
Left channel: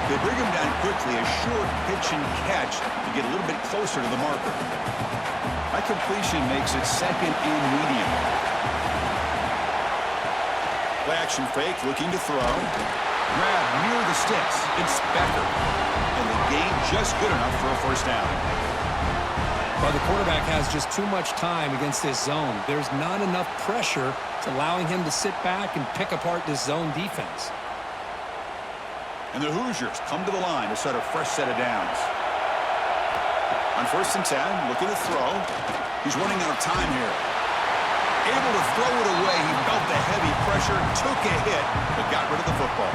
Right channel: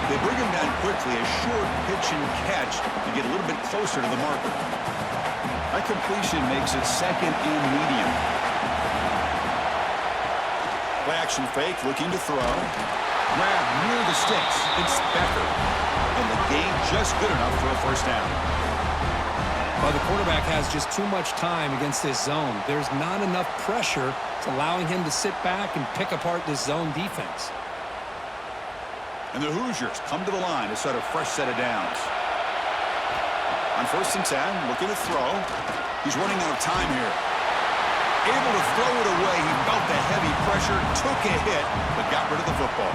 They bring him down quickly, a short pitch and catch to get a little bit closer to the marker. That completion makes it 2nd and medium. Play action fake, looking to throw. Grab near the sticks. It's Becker. And the gain just good enough for a first down. Well, the quarterback has just too much time against this zone. There's not enough pressure. It's allowing him to sit back and pick apart this zone defense. And the Hoosiers come to the line to start a fresh set of downs. On 1st and 10, looking to throw. He's running out of time here. Able to throw it away. He felt the heavy pressure, took a hit, but got rid of the football.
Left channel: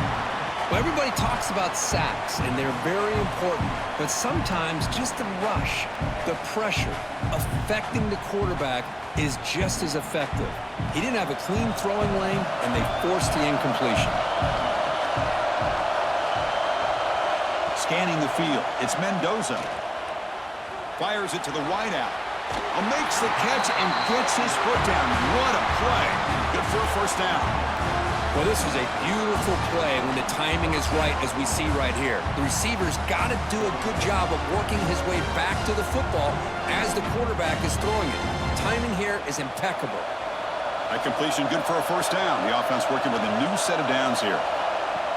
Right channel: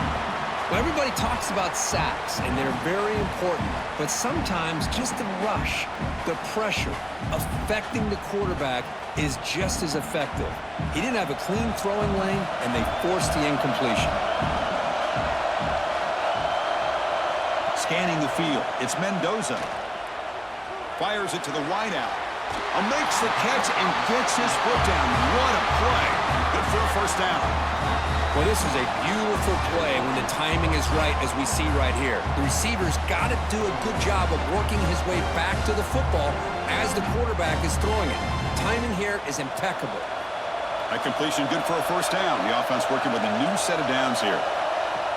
Well, everybody talks about sacks, and they're very important. But sometimes just the rush, the pressure, affecting the quarterback is just as effective. He didn't have a clean throwing lane, and they forced the incompletion. Scanning the field. It's Mendoza. Fires it to the wideout. Makes the catch and gets his foot down. What a play. Good for a first down. Well, this is a beautiful play when the timing is right, as we see right here. The receiver's got to do a good job of working his way back to the football as the quarterback is throwing it. Timing here is impeccable. That completion good for a first down. The offense working with a new set of downs here.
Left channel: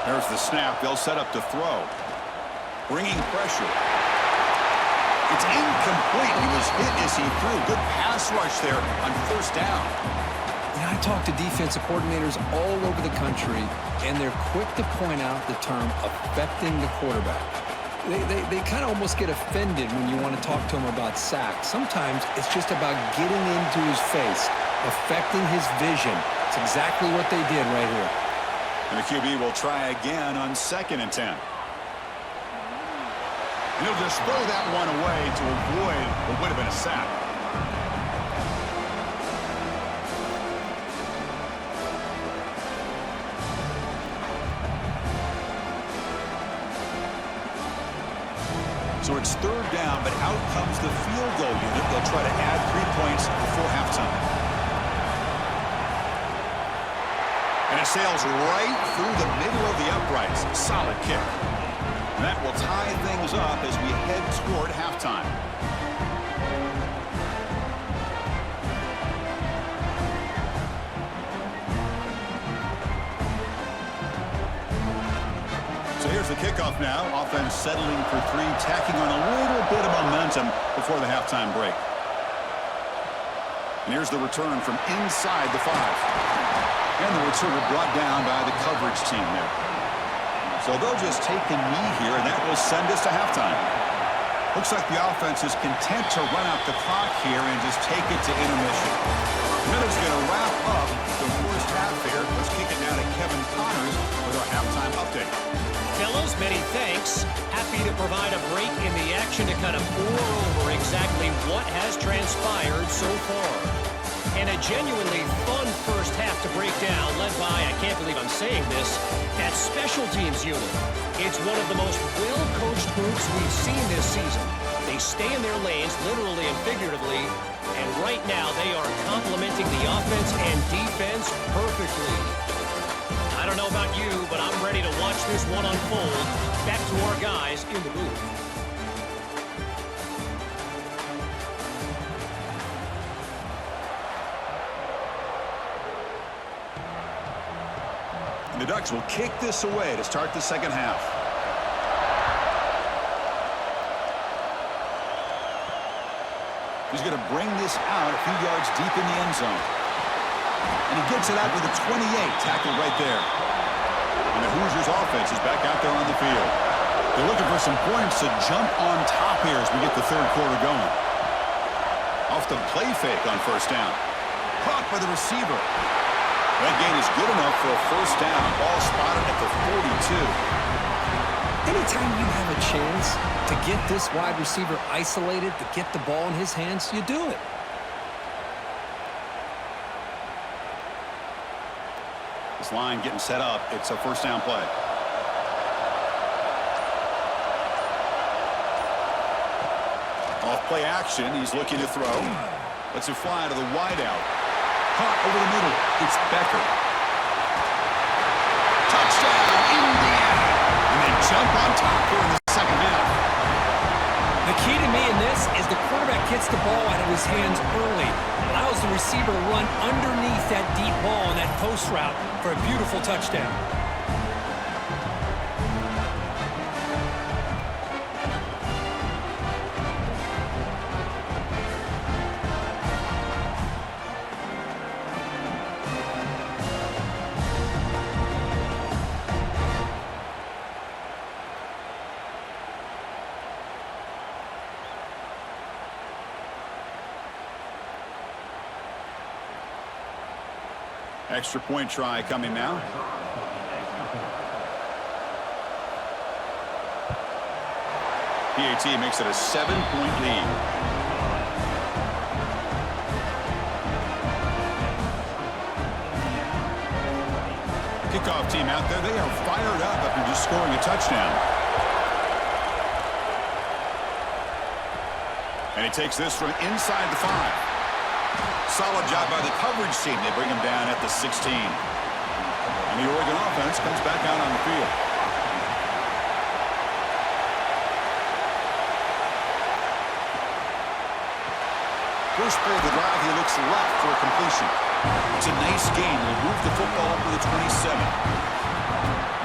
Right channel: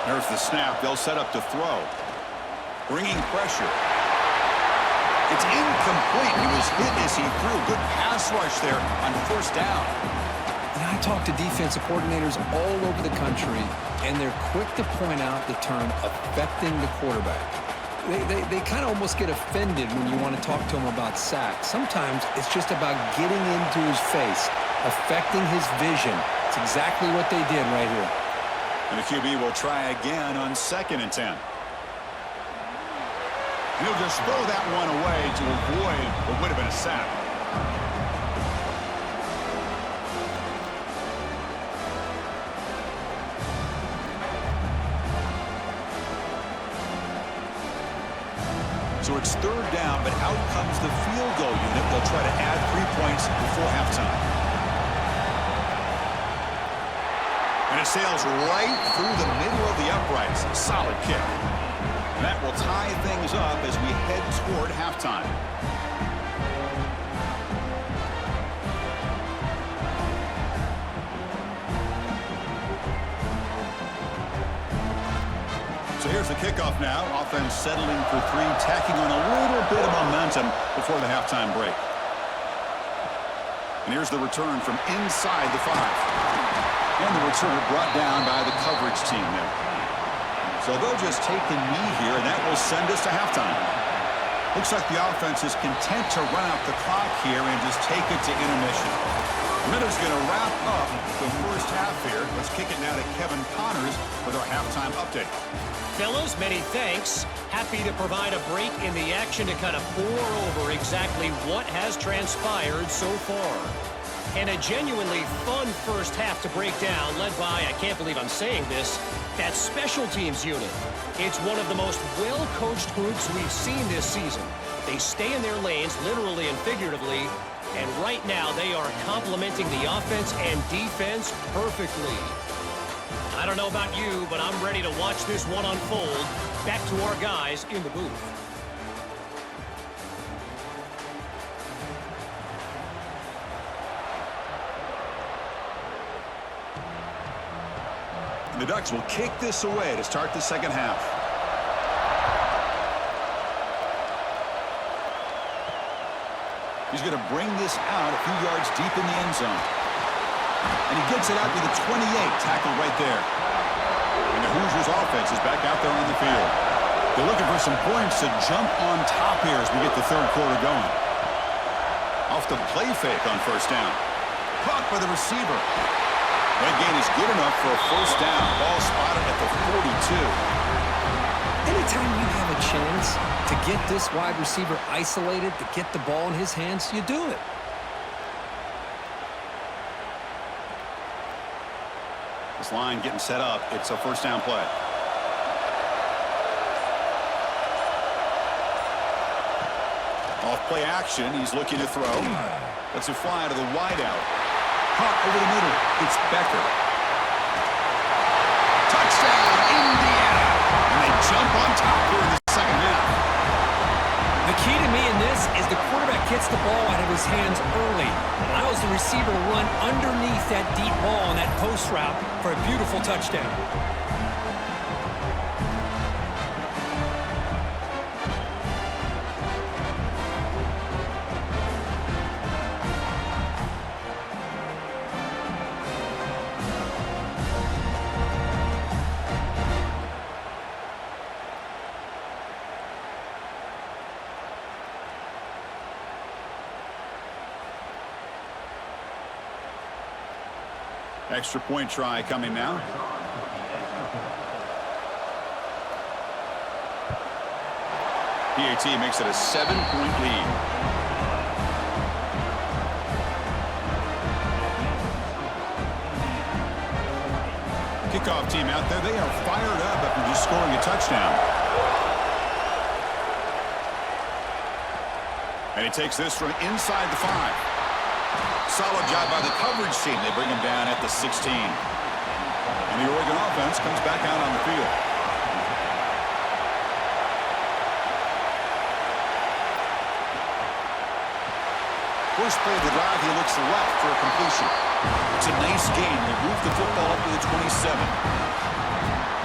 There's the snap. They'll set up to throw. Bringing pressure. It's incomplete. He was hit as he threw. Good pass rush there on first down. And I talk to defensive coordinators all over the country, and they're quick to point out the term affecting the quarterback. They kind of almost get offended when you want to talk to them about sacks. Sometimes it's just about getting into his face, affecting his vision. It's exactly what they did right here. And the QB will try again on 2nd and 10. And he'll just throw that one away to avoid what would have been a sack. So it's third down, but out comes the field goal unit. They'll try to add 3 points before halftime. And it sails right through the middle of the uprights. Solid kick. And that will tie things up as we head toward halftime. So here's the kickoff now. Offense settling for 3, tacking on a little bit of momentum before the halftime break. And here's the return from inside the 5. And the returner brought down by the coverage team there. So they'll just take a knee here, and that will send us to halftime. Looks like the offense is content to run out the clock here and just take it to intermission. Miller's going to wrap up the first half here. Let's kick it now to Kevin Connors with our halftime update. Fellas, many thanks. Happy to provide a break in the action to kind of pour over exactly what has transpired so far. And a genuinely fun first half to break down, led by, I can't believe I'm saying this, that special teams unit. It's one of the most well-coached groups we've seen this season. They stay in their lanes, literally and figuratively, and right now they are complementing the offense and defense perfectly. I don't know about you, but I'm ready to watch this one unfold. Back to our guys in the booth. And the Ducks will kick this away to start the second half. He's going to bring this out a few yards deep in the end zone. And he gets it out to the 28, tackled right there. And the Hoosiers offense is back out there on the field. They're looking for some points to jump on top here as we get the third quarter going. Off the play fake on first down. Caught by the receiver. That gain is good enough for a first down. Ball spotted at the 42. Anytime you have a chance to get this wide receiver isolated, to get the ball in his hands, you do it. This line getting set up. It's a first down play. Off play action. He's looking to throw. Lets it fly to the wideout. Caught over the middle. It's Becker. Touchdown, Indiana. And they jump on top here in the second half. The key to me in this is the quarterback gets the ball out of his hands early. Allows the receiver to run underneath that deep ball on that post route for a beautiful touchdown. Extra point try coming now. PAT makes it a 7-point lead. Kickoff team out there. They are fired up after just scoring a touchdown. And he takes this from inside the 5. Solid job by the coverage team. They bring him down at the 16. And the Oregon offense comes back out on the field. First play of the drive, he looks left for a completion. It's a nice gain. He'll move the football up to the 27.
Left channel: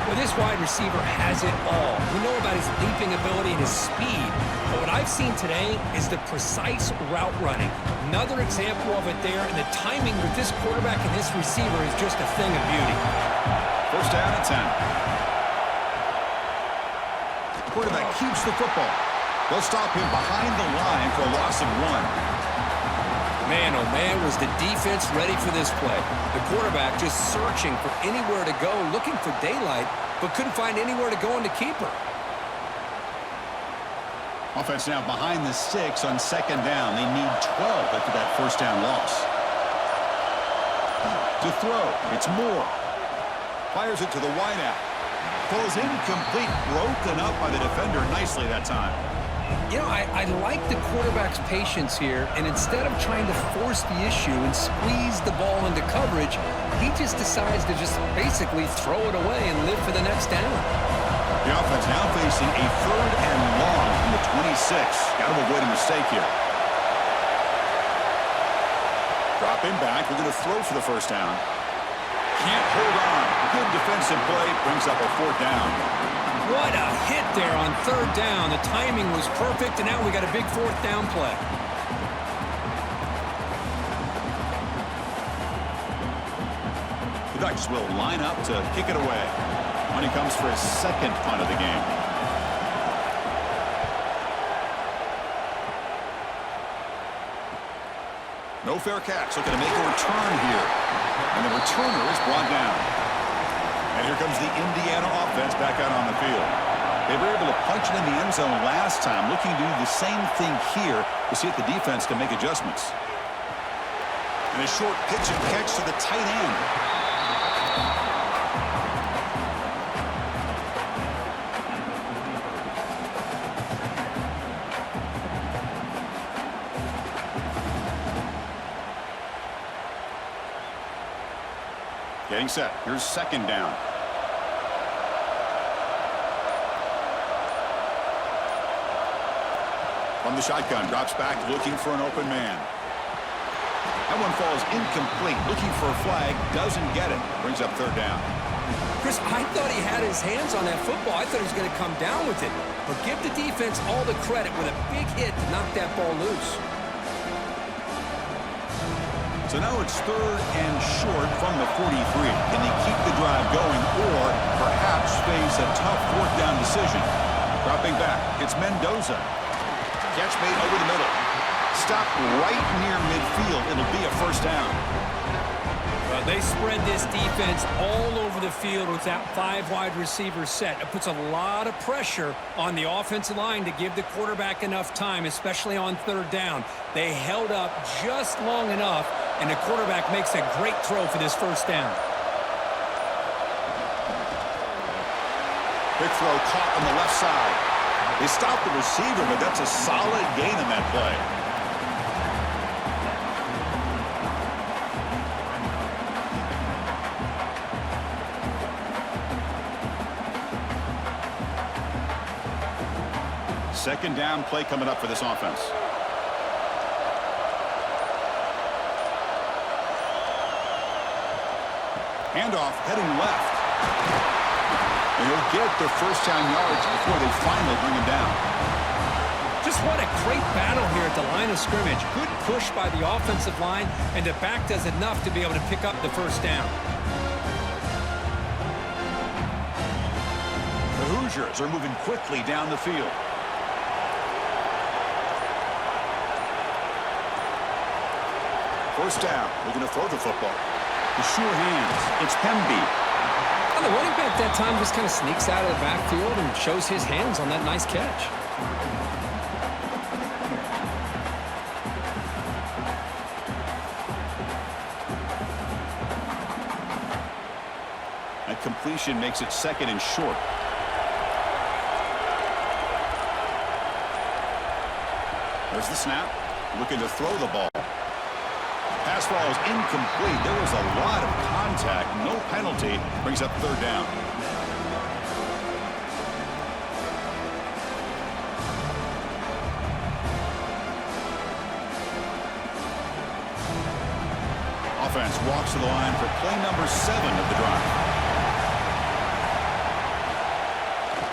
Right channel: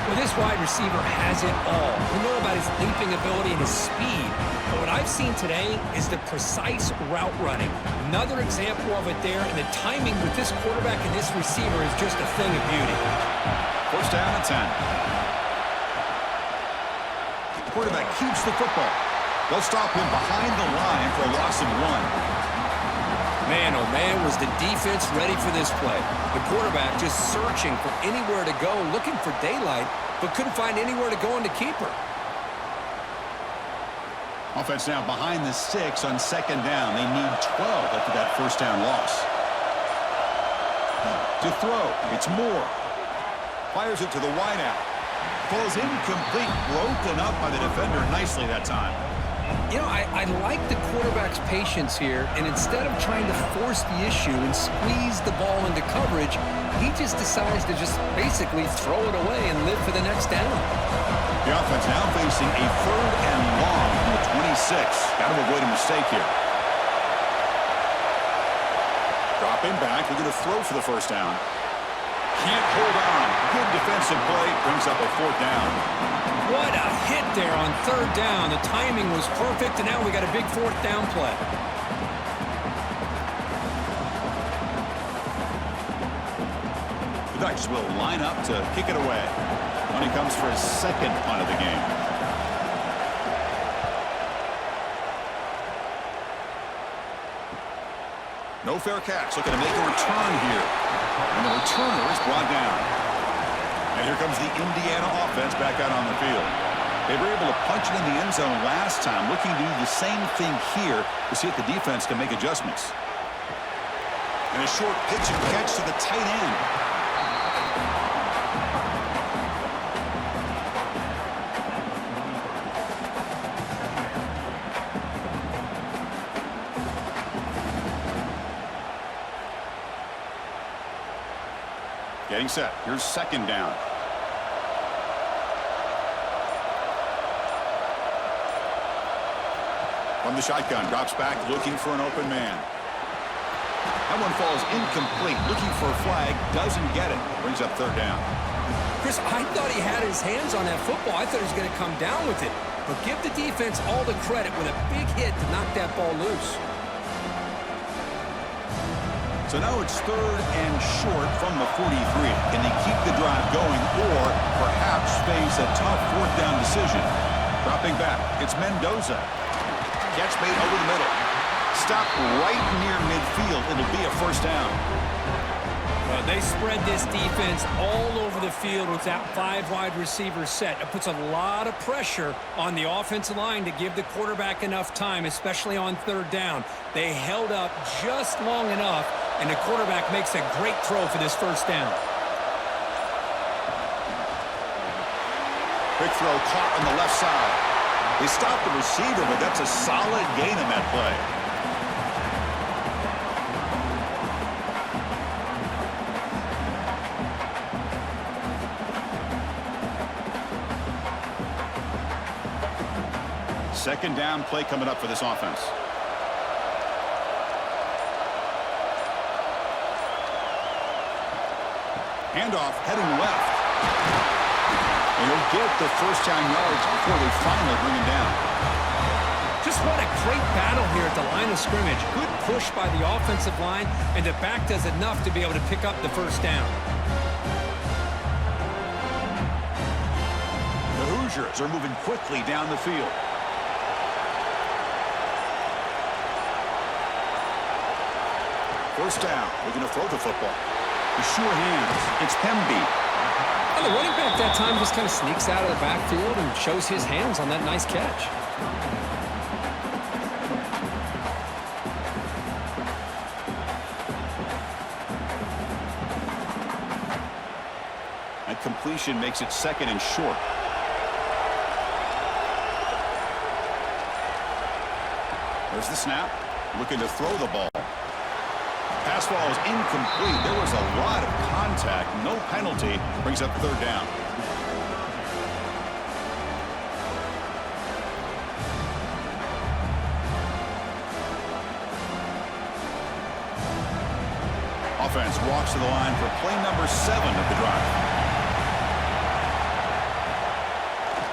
Well, this wide receiver has it all. We know about his leaping ability and his speed. But what I've seen today is the precise route running. Another example of it there, and the timing with this quarterback and this receiver is just a thing of beauty. First down and 10. The quarterback keeps the football. They'll stop him behind the line for a loss of 1. Man, oh man, was the defense ready for this play. The quarterback just searching for anywhere to go, looking for daylight, but couldn't find anywhere to go in the keeper. Offense now behind the 6 on second down. They need 12 after that first down loss. To throw, it's Moore. Fires it to the wideout. Falls incomplete, broken up by the defender nicely that time. You know, I like the quarterback's patience here, and instead of trying to force the issue and squeeze the ball into coverage, he just decides to just basically throw it away and live for the next down. The offense now facing a 3rd and long from the 26. Got to avoid a mistake here. Dropping back, we're going to throw for the first down. Can't hold on. Good defensive play, brings up a 4th down. What a hit there on 3rd down. The timing was perfect, and now we got a big 4th down play. The Ducks will line up to kick it away. When he comes for his 2nd punt of the game. No fair catch. Looking to make a return here. And the returner is brought down. And here comes the Indiana offense back out on the field. They were able to punch it in the end zone last time. Looking to do the same thing here to see if the defense can make adjustments. And a short pitch and catch to the tight end. Getting set. Here's 2nd down. From the shotgun, drops back, looking for an open man. That one falls incomplete. Looking for a flag, doesn't get it. Brings up 3rd down. Chris, I thought he had his hands on that football. I thought he was going to come down with it. But give the defense all the credit with a big hit to knock that ball loose. So now it's 3rd and short from the 43. Can they keep the drive going or perhaps face a tough 4th down decision? Dropping back, it's Mendoza. Catch made over the middle. Stop right near midfield. It'll be a 1st down. Well, they spread this defense all over the field with that 5 wide receiver set. It puts a lot of pressure on the offensive line to give the quarterback enough time, especially on 3rd down. They held up just long enough, and the quarterback makes a great throw for this 1st down. Quick throw caught on the left side. They stopped the receiver, but that's a solid gain on that play. Second down play coming up for this offense. Handoff heading left. And he'll get the 1st down yards before they finally bring him down. Just what a great battle here at the line of scrimmage. Good push by the offensive line, and the back does enough to be able to pick up the 1st down. The Hoosiers are moving quickly down the field. First down. We're going to throw the football. The sure hands. It's Pemby. Well, the running back that time just kind of sneaks out of the backfield and shows his hands on that nice catch. That completion makes it 2nd and short. There's the snap. Looking to throw the ball. Pass ball is incomplete. There was a lot of contact. No penalty. Brings up 3rd down. Offense walks to the line for play number 7 of the drive.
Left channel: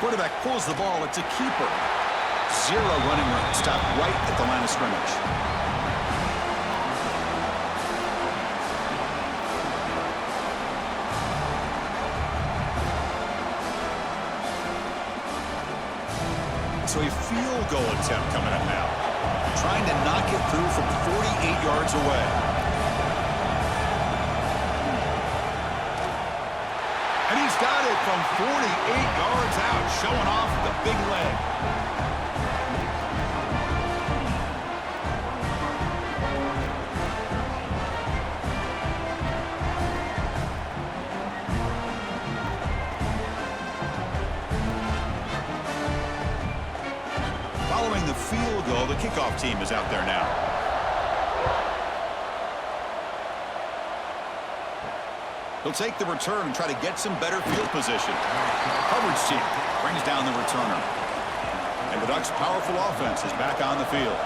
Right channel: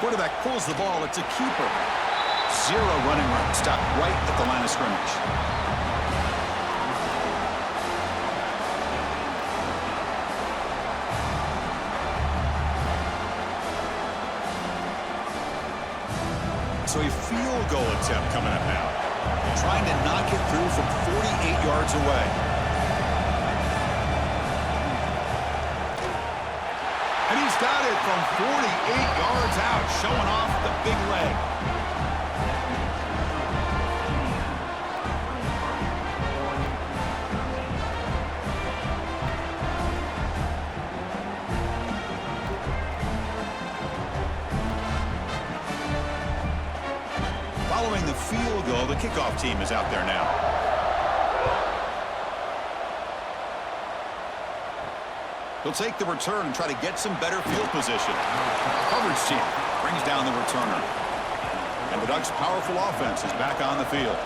Quarterback pulls the ball. It's a keeper. 0 running room. Stopped right at the line of scrimmage. So a field goal attempt coming up now. Trying to knock it through from 48 yards away. And he's got it from 48 yards out, showing off the big leg. Following the field goal, the kickoff team is out there now. He'll take the return and try to get some better field position. Coverage team brings down the returner. And the Ducks' powerful offense is back on the field.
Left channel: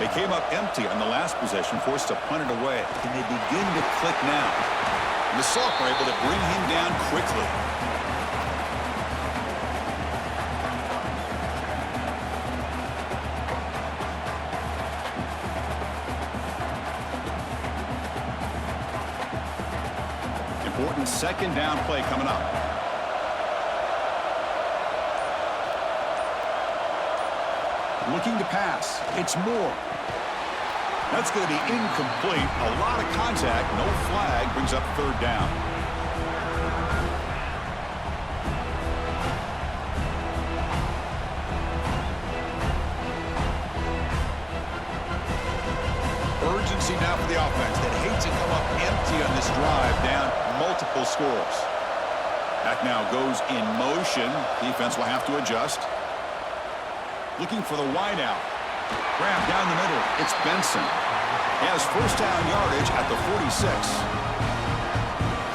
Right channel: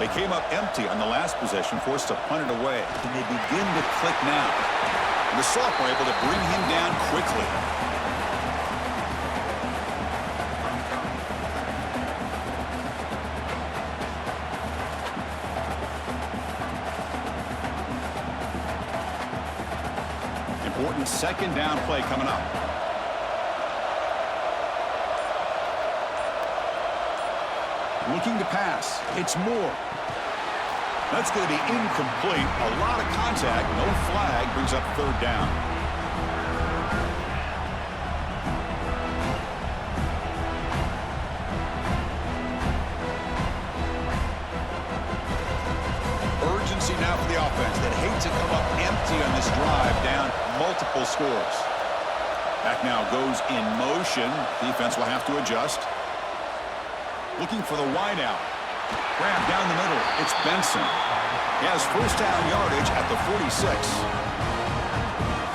They came up empty on the last possession, forced to punt it away. Can they begin to click now? And the Soft were able to bring him down quickly. Important second down play coming up. Looking to pass. It's Moore. That's going to be incomplete. A lot of contact. No flag. Brings up third down. Urgency now for the offense that hates to come up empty on this drive, down multiple scores. Back now goes in motion. Defense will have to adjust. Looking for the wideout. Grab down the middle. It's Benson. He has first down yardage at the 46.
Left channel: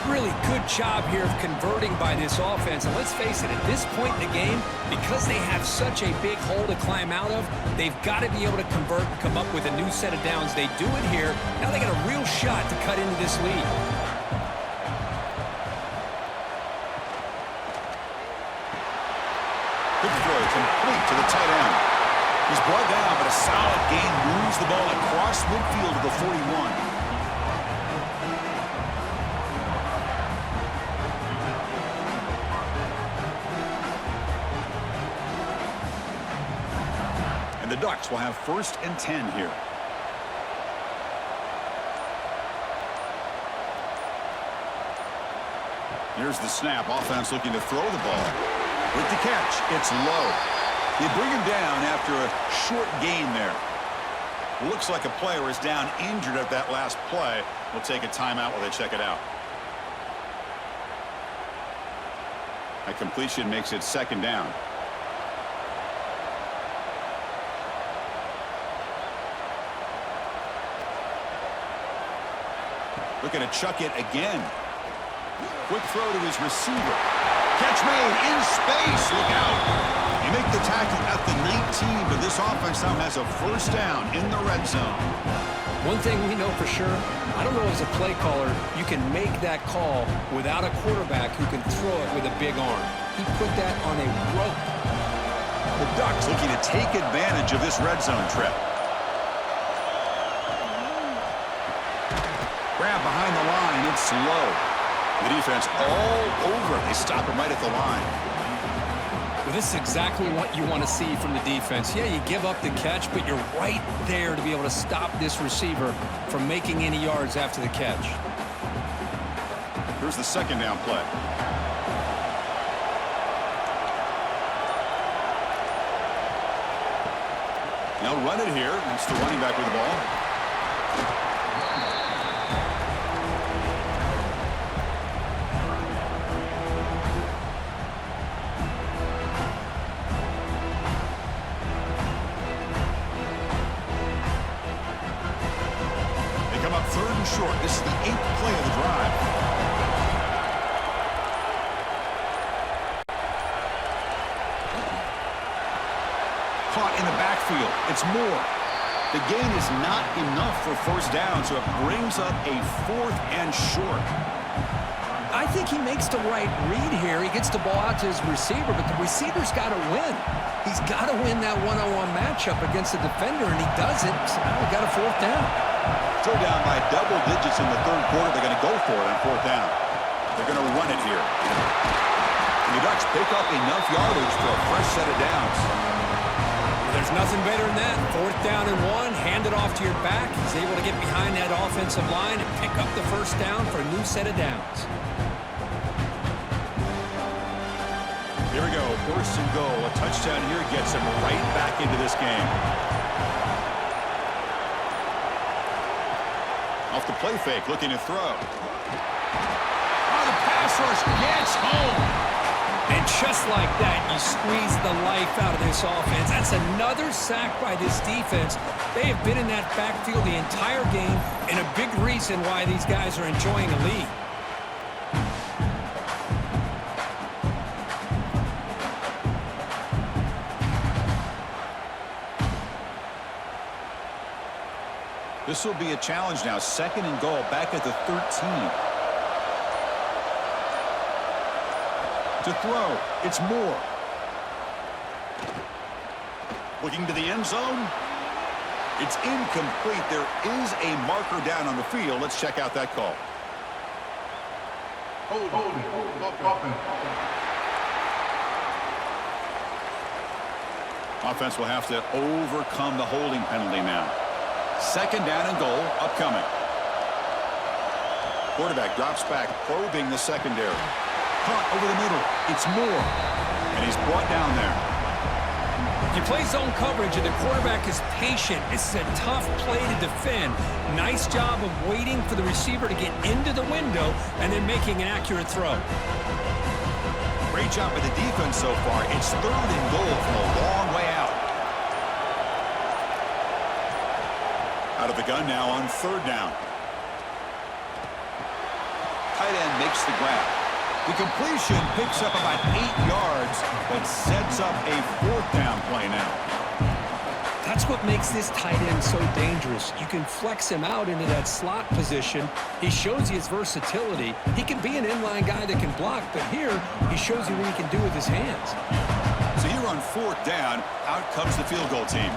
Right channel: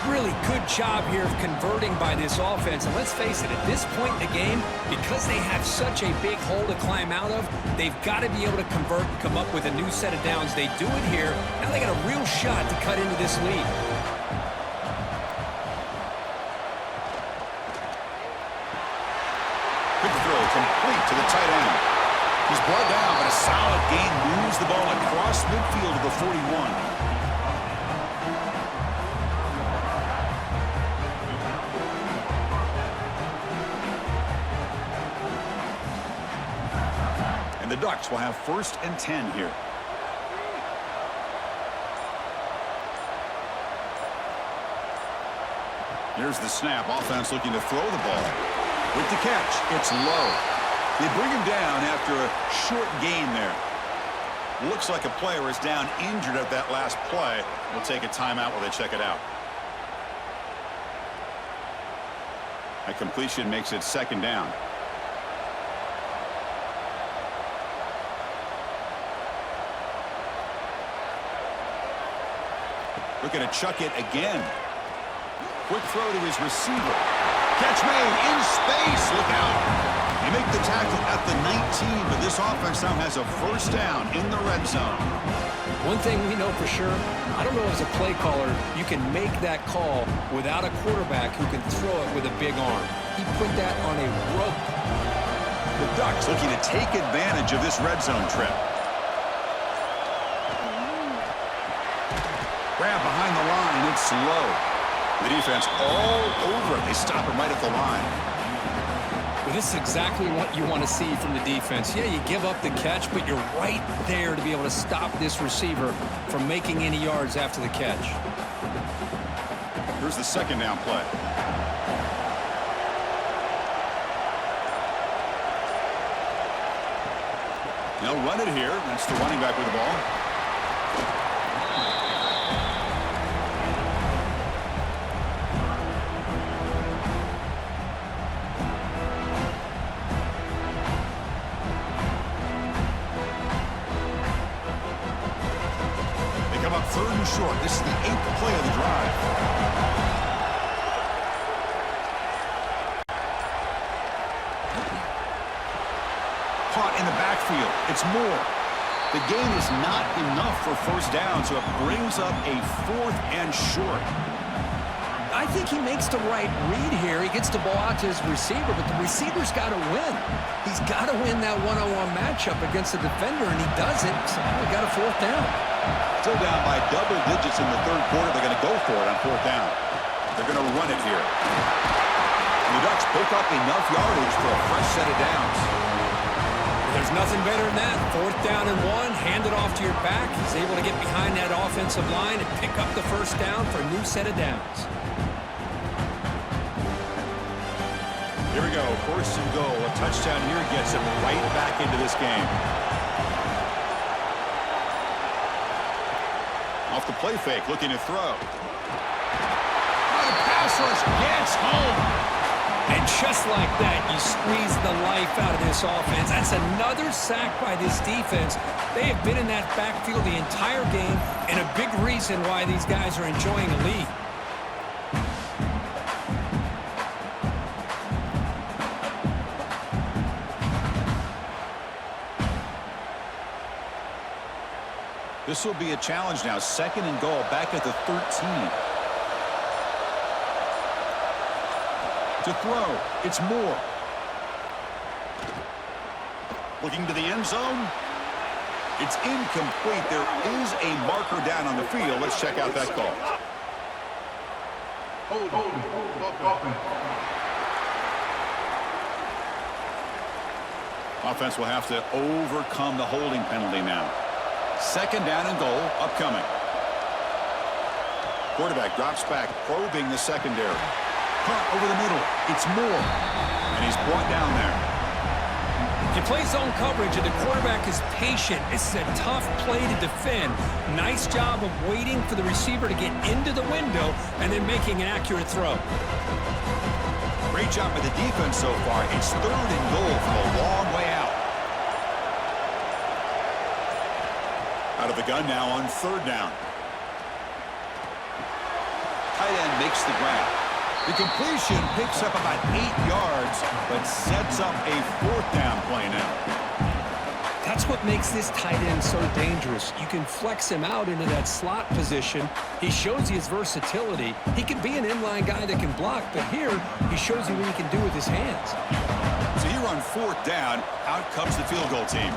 Really good job here of converting by this offense. And let's face it, at this point in the game, because they have such a big hole to climb out of, they've got to be able to convert and come up with a new set of downs. They do it here. Now they got a real shot to cut into this lead. Quick throw, complete to the tight end. He's brought down, but a solid gain moves the ball across midfield to the 41. And the Ducks will have first and 10 here. Here's the snap. Offense looking to throw the ball. With the catch, it's low. They bring him down after a short gain there. Looks like a player is down injured at that last play. We'll take a timeout while they check it out. That completion makes it second down. Looking to chuck it again. Quick throw to his receiver. Catch made in space. Look out. They make the tackle at the 19, but this offense now has a first down in the red zone. One thing we know for sure, I don't know as a play caller, you can make that call without a quarterback who can throw it with a big arm. He put that on a rope. The Ducks looking to take advantage of this red zone trip. Grab behind the line. It's low. The defense all over. They stop him right at the line. Well, this is exactly what you want to see from the defense. Yeah, you give up the catch, but you're right there to be able to stop this receiver from making any yards after the catch. Here's the second down play. They'll run it here. That's the running back with the ball. Come up third and short. This is the 8th play of the drive. Caught in the backfield. It's Moore. The gain is not enough for first down, so it brings up a 4th and short. I think he makes the right read here. He gets the ball out to his receiver, but the receiver's got to win. He's got to win that one-on-one matchup against the defender, and he does it. So now we got a 4th down. Still down by double digits in the third quarter. They're going to go for it on 4th down. They're going to run it here. And the Ducks pick up enough yardage for a fresh set of downs. Well, there's nothing better than that. 4th down and 1. Hand it off to your back. He's able to get behind that offensive line and pick up the first down for a new set of downs. Here we go. First and goal. A touchdown here gets him right back into this game. Off the play fake, looking to throw. Oh, the pass rush gets home. And just like that, you squeeze the life out of this offense. That's another sack by this defense. They have been in that backfield the entire game, and a big reason why these guys are enjoying a lead. This will be a challenge now. 2nd and goal, back at the 13. To throw, it's Moore. Looking to the end zone. It's incomplete. There is a marker down on the field. Let's check out that call. Hold. Offense will have to overcome the holding penalty now. 2nd down and goal, upcoming. Quarterback drops back, probing the secondary. Punt over the middle. It's Moore. And he's brought down there. You play zone coverage, and the quarterback is patient. This is a tough play to defend. Nice job of waiting for the receiver to get into the window and then making an accurate throw. Great job by the defense so far. It's 3rd and goal from a long way out. Out of the gun now on 3rd down. Tight end makes the grab. The completion picks up about 8 yards, but sets up a 4th down play now. That's what makes this tight end so dangerous. You can flex him out into that slot position. He shows you his versatility. He can be an inline guy that can block, but here he shows you what he can do with his hands. So here on 4th down, out comes the field goal team.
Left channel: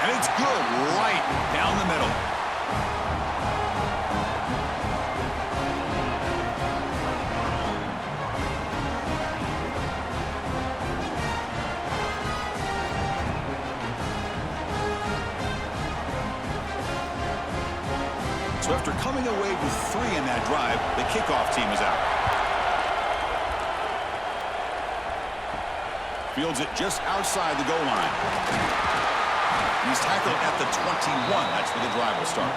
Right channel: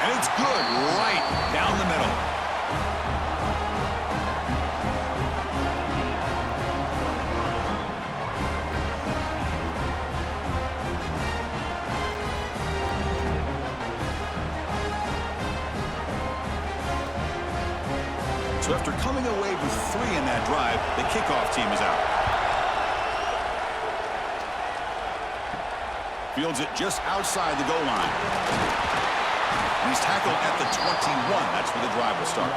And it's good right down the middle. So after coming away with 3 in that drive, the kickoff team is out. Fields it just outside the goal line. And he's tackled at the 21. That's where the drive will start.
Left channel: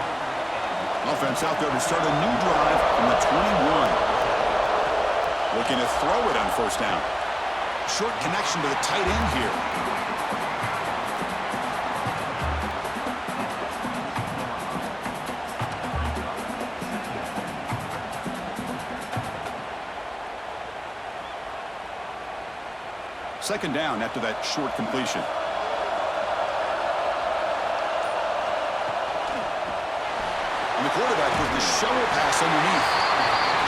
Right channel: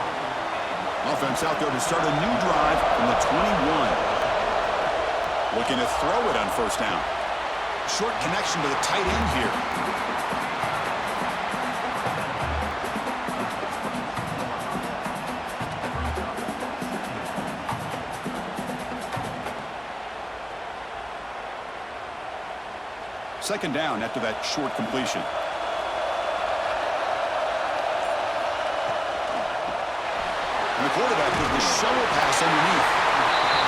Offense out there to start a new drive from the 21. Looking to throw it on 1st down. Short connection to the tight end here. Second down after that short completion. And the quarterback with the shovel pass underneath.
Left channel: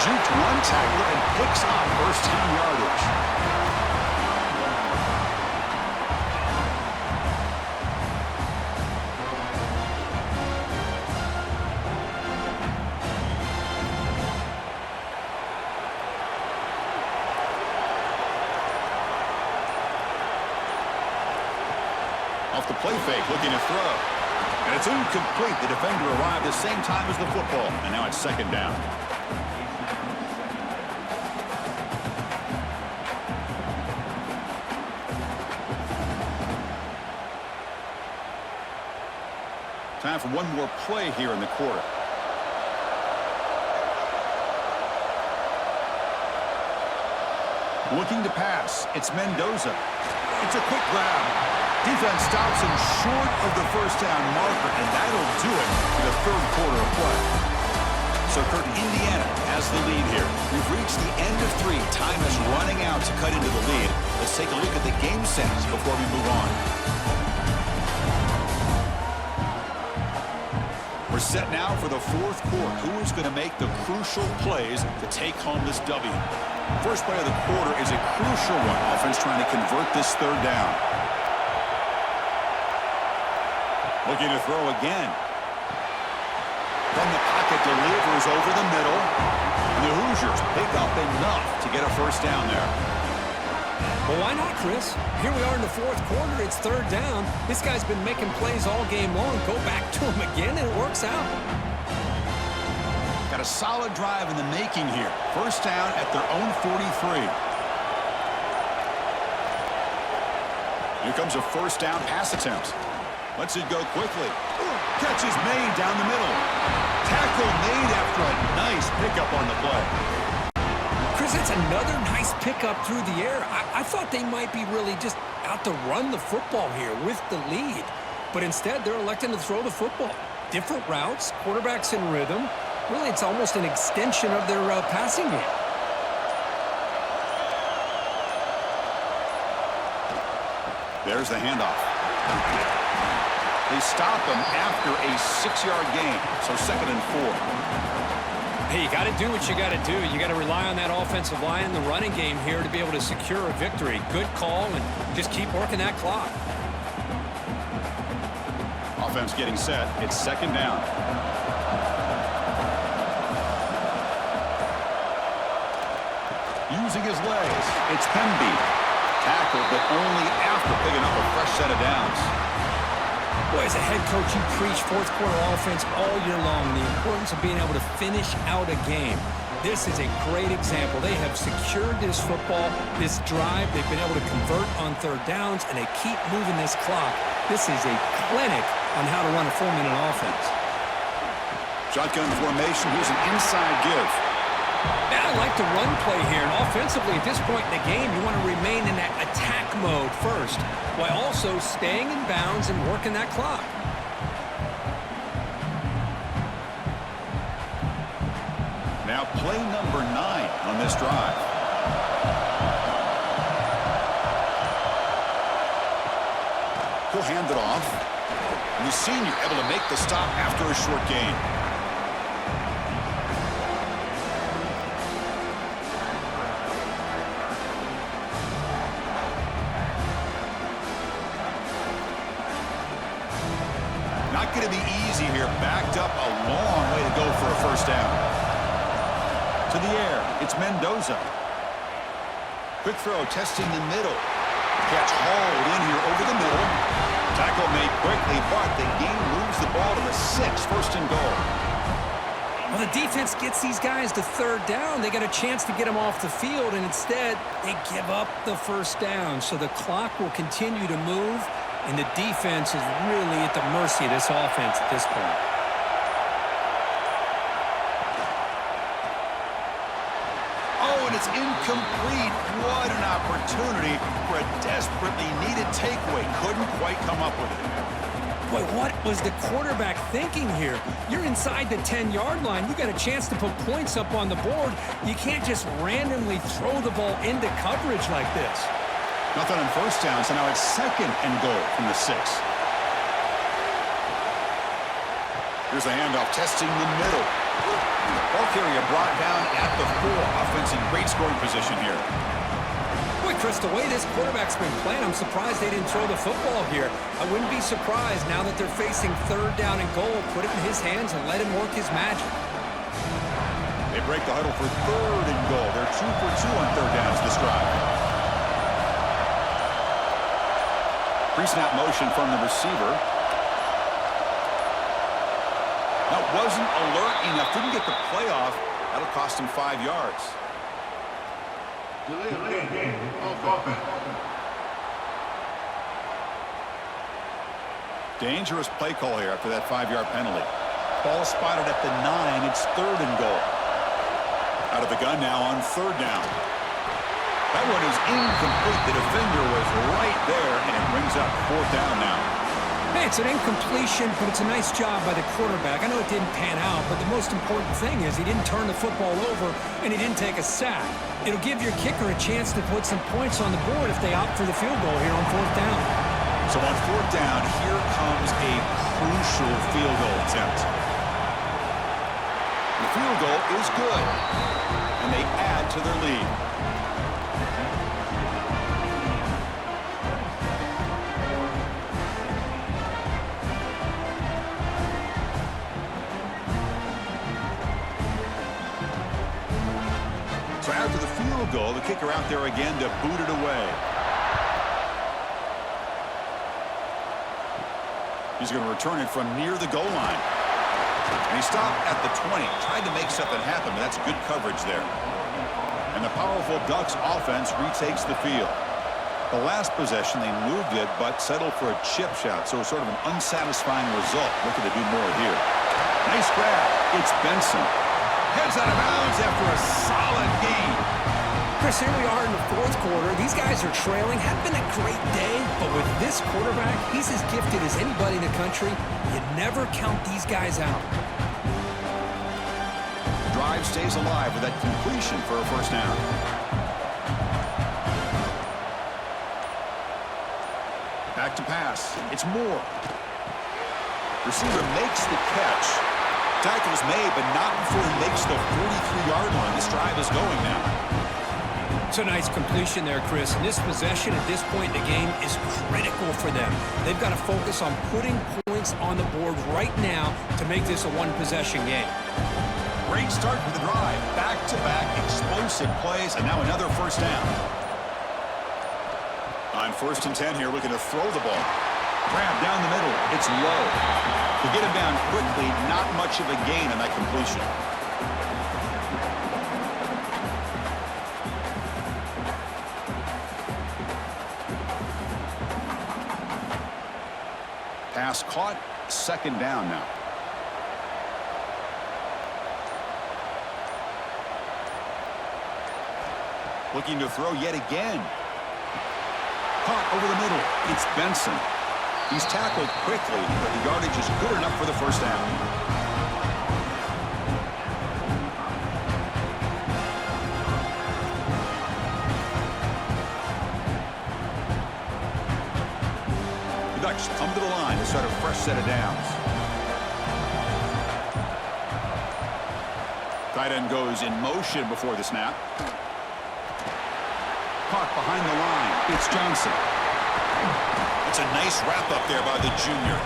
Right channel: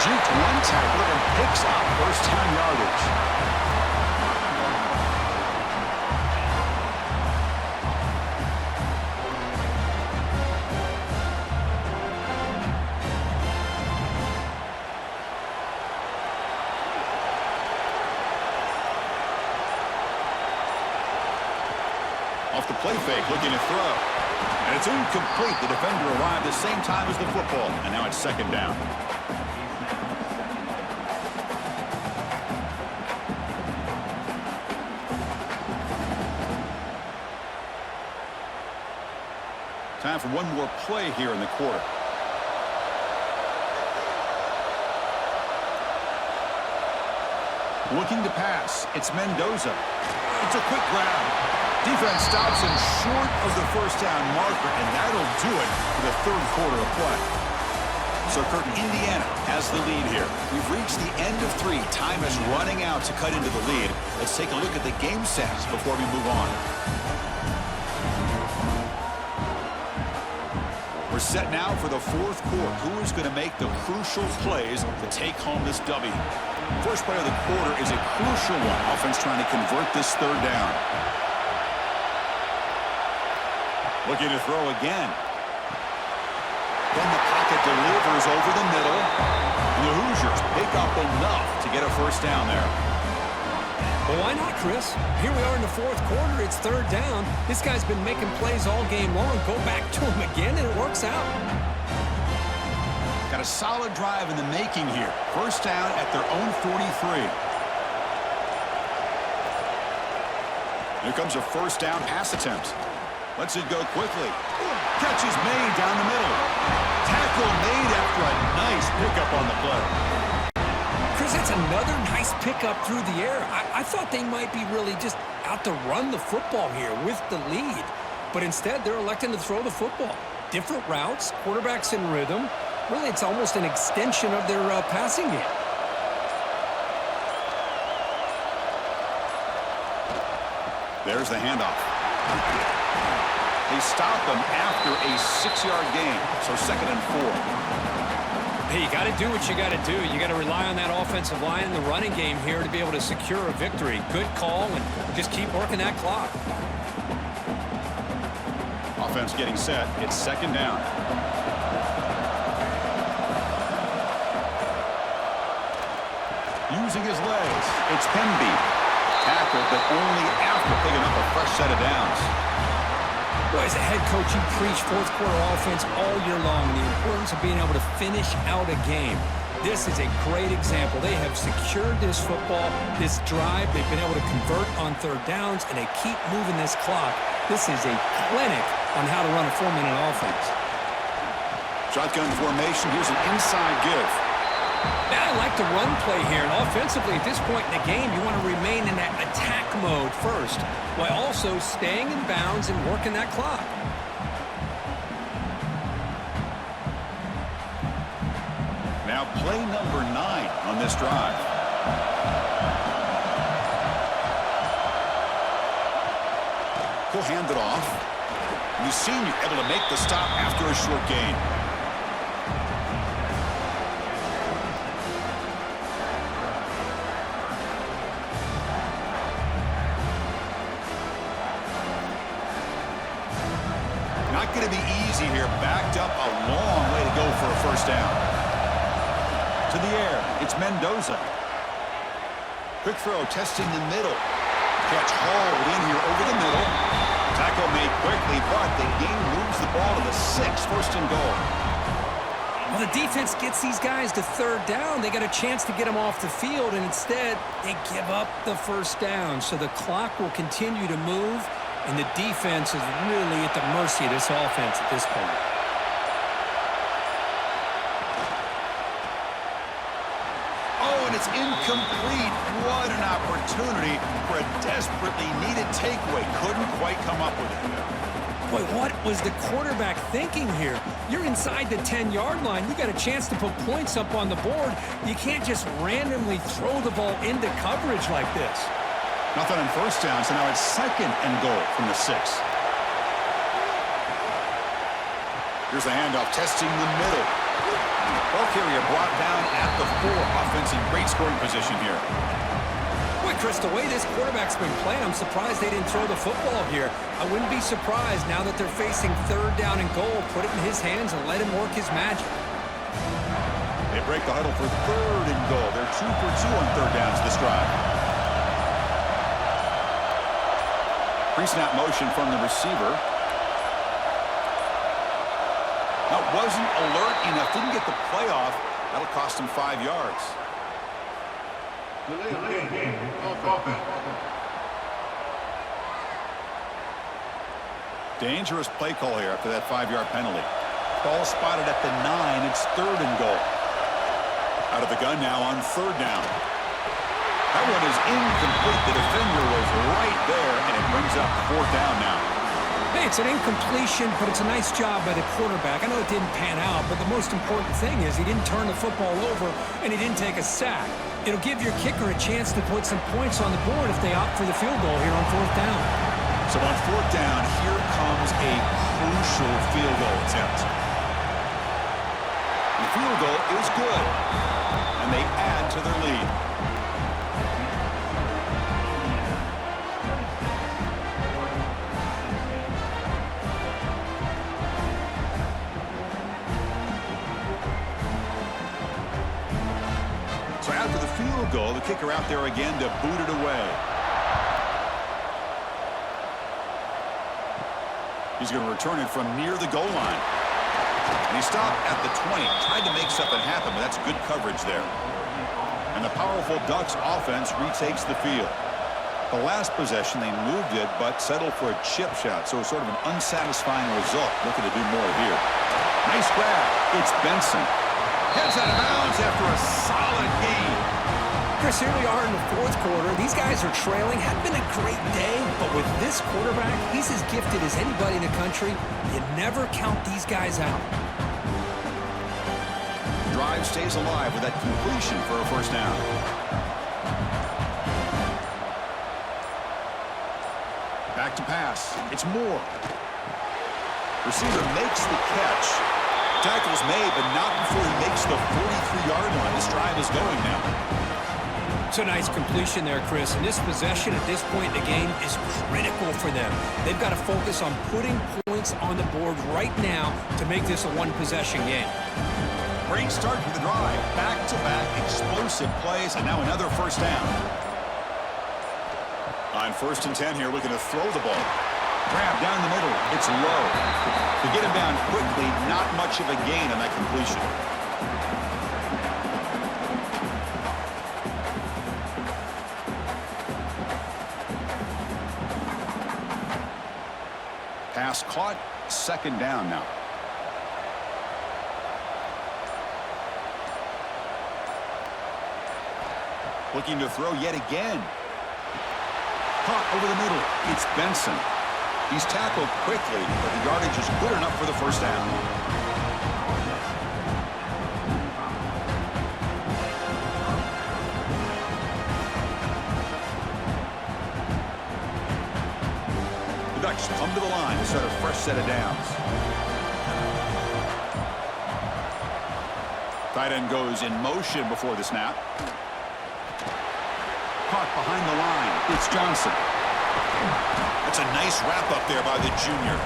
Juked one tackler and picks up 1st down yardage. Off the play fake, looking to throw. And it's incomplete. The defender arrived the same time as the football. And now it's 2nd down. Time for one more play here in the quarter. Looking to pass. It's Mendoza. It's a quick grab. Defense stops him short of the 1st down marker, and that'll do it for the 3rd quarter of play. So, Kirk, Indiana has the lead here. We've reached the end of 3. Time is running out to cut into the lead. Let's take a look at the game stats before we move on. We're set now for the 4th quarter. Who is going to make the crucial plays to take home this W? First play of the quarter is a crucial one. Offense trying to convert this 3rd down. Looking to throw again. Then the pocket delivers over the middle. And the Hoosiers pick up enough to get a 1st down there. Well, why not, Chris? Here we are in the 4th quarter. It's 3rd down. This guy's been making plays all game long. Go back to him again, and it works out. Got a solid drive in the making here. 1st down at their own 43. Here comes a 1st down pass attempt. Lets it go quickly. Catch is made down the middle. Tackle made after a nice pickup on the play. Chris, that's another nice pickup through the air. I thought they might be really just out to run the football here with the lead. But instead, they're electing to throw the football. Different routes, quarterbacks in rhythm. Really, it's almost an extension of their passing game. There's the handoff. They stop him after a 6-yard gain, so 2nd and 4. Hey, you got to do what you got to do. You got to rely on that offensive line in the running game here to be able to secure a victory. Good call, and just keep working that clock. Offense getting set. It's 2nd down. Using his legs, it's Hemby. Tackled, but only after picking up a fresh set of downs. Boy, as a head coach, you preach fourth-quarter offense all year long, and the importance of being able to finish out a game. This is a great example. They have secured this football, this drive. They've been able to convert on 3rd downs, and they keep moving this clock. This is a clinic on how to run a 4-minute offense. Shotgun formation. Here's an inside give. I like the run play here, and offensively at this point in the game, you want to remain in that attack mode first, while also staying in bounds and working that clock. Now play number 9 on this drive. He'll hand it off. And the senior able to make the stop after a short gain. Not going to be easy here. Backed up a long way to go for a 1st down. To the air, it's Mendoza. Quick throw, testing the middle. Catch hauled in here over the middle. Tackle made quickly, but the game moves the ball to the 6, 1st and goal. Well, the defense gets these guys to 3rd down. They got a chance to get them off the field, and instead they give up the 1st down. So the clock will continue to move, and the defense is really at the mercy of this offense at this point. Oh, and it's incomplete. What an opportunity for a desperately needed takeaway. Couldn't quite come up with it. Boy, what was the quarterback thinking here? You're inside the 10-yard line. You got a chance to put points up on the board. You can't just randomly throw the ball into coverage like this. Nothing on 1st down, so now it's 2nd and goal from the 6. Here's the handoff, testing the middle. Ball carrier brought down at the 4. Offense in great scoring position here. Boy, Chris, the way this quarterback's been playing, I'm surprised they didn't throw the football here. I wouldn't be surprised now that they're facing 3rd down and goal. Put it in his hands and let him work his magic. They break the huddle for 3rd and goal. They're 2 for 2 on 3rd downs this drive. Pre-snap motion from the receiver. Now, wasn't alert enough. Didn't get the play off. That'll cost him 5 yards. Delay game. Offense. Dangerous play call here after that 5-yard penalty. Ball spotted at the 9. It's 3rd and goal. Out of the gun now on 3rd down. That one is incomplete. The defender was right there, and it brings up 4th down now. Hey, it's an incompletion, but it's a nice job by the quarterback. I know it didn't pan out, but the most important thing is he didn't turn the football over, and he didn't take a sack. It'll give your kicker a chance to put some points on the board if they opt for the field goal here on 4th down. So on 4th down, here comes a crucial field goal attempt. The field goal is good, and they add to their lead. So after the field goal, the kicker out there again to boot it away. He's going to return it from near the goal line. And he stopped at the 20. Tried to make something happen, but that's good coverage there. And the powerful Ducks offense retakes the field. The last possession, they moved it, but settled for a chip shot. So it's sort of an unsatisfying result. Looking to do more here. Nice grab. It's Benson. Heads out of bounds after a solid gain. Chris, here we are in the fourth quarter. These guys are trailing. Hadn't been a great day, but with this quarterback, he's as gifted as anybody in the country. You never count these guys out. The drive stays alive with that completion for a first down. Back to pass. It's Moore. Receiver makes the catch. Tackle's made, but not before he makes the 43-yard line. This drive is going now. It's a nice completion there, Chris. And this possession at this point in the game is critical for them. They've got to focus on putting points on the board right now to make this a one-possession game. Great start to the drive. Back-to-back explosive plays, and now another first down. On 1st and 10 here, looking to throw the ball. Grab down the middle. It's low. To get him down quickly, not much of a gain on that completion. Pass caught. 2nd down now. Looking to throw yet again. Caught over the middle. It's Benson. He's tackled quickly, but the yardage is good enough for the first down. The Ducks come to the line to start a fresh set of downs. Tight end goes in motion before the snap. Caught behind the line. It's Johnson. That's a nice wrap up there by the junior.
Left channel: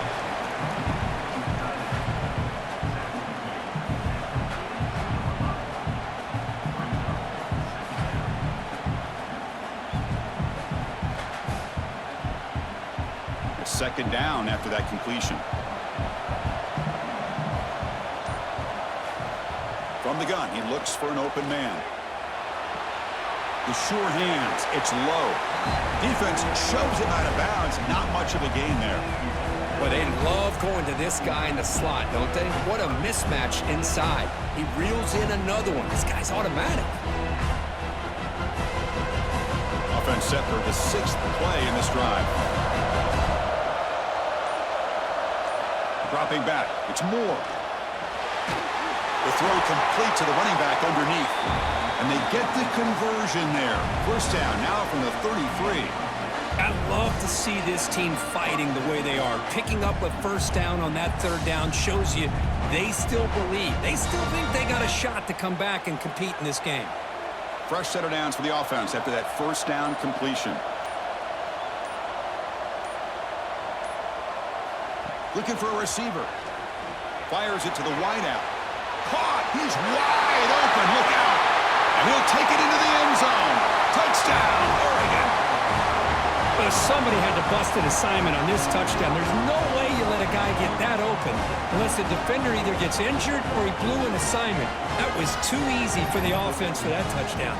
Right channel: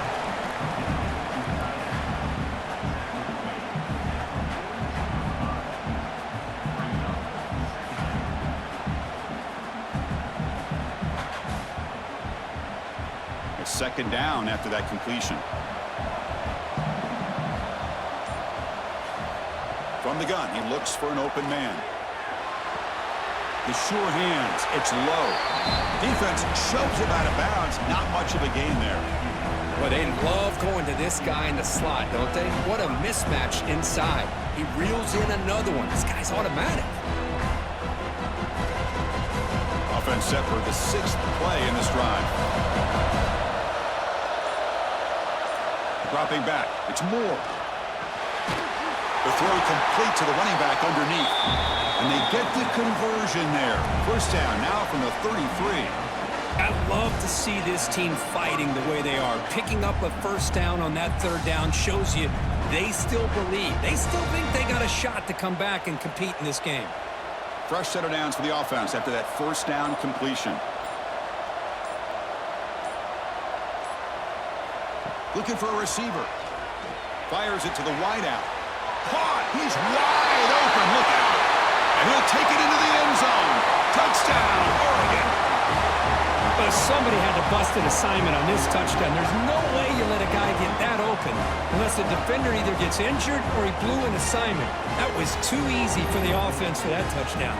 It's 2nd down after that completion. From the gun, he looks for an open man. The sure hands. It's low. Defense shoves him out of bounds. Not much of a gain there. Well, they love going to this guy in the slot, don't they? What a mismatch inside. He reels in another one. This guy's automatic. Offense set for the 6th play in this drive. Dropping back. It's Moore. The throw complete to the running back underneath. And they get the conversion there. First down now from the 33. I love to see this team fighting the way they are. Picking up a first down on that 3rd down shows you they still believe. They still think they got a shot to come back and compete in this game. Fresh set of downs for the offense after that first down completion. Looking for a receiver. Fires it to the wideout. Caught. He's wide open. Look out. And he'll take it into the end zone. Touchdown, Oregon. But somebody had to bust an assignment on this touchdown. There's no way you let a guy get that open unless the defender either gets injured or he blew an assignment. That was too easy for the offense for that touchdown.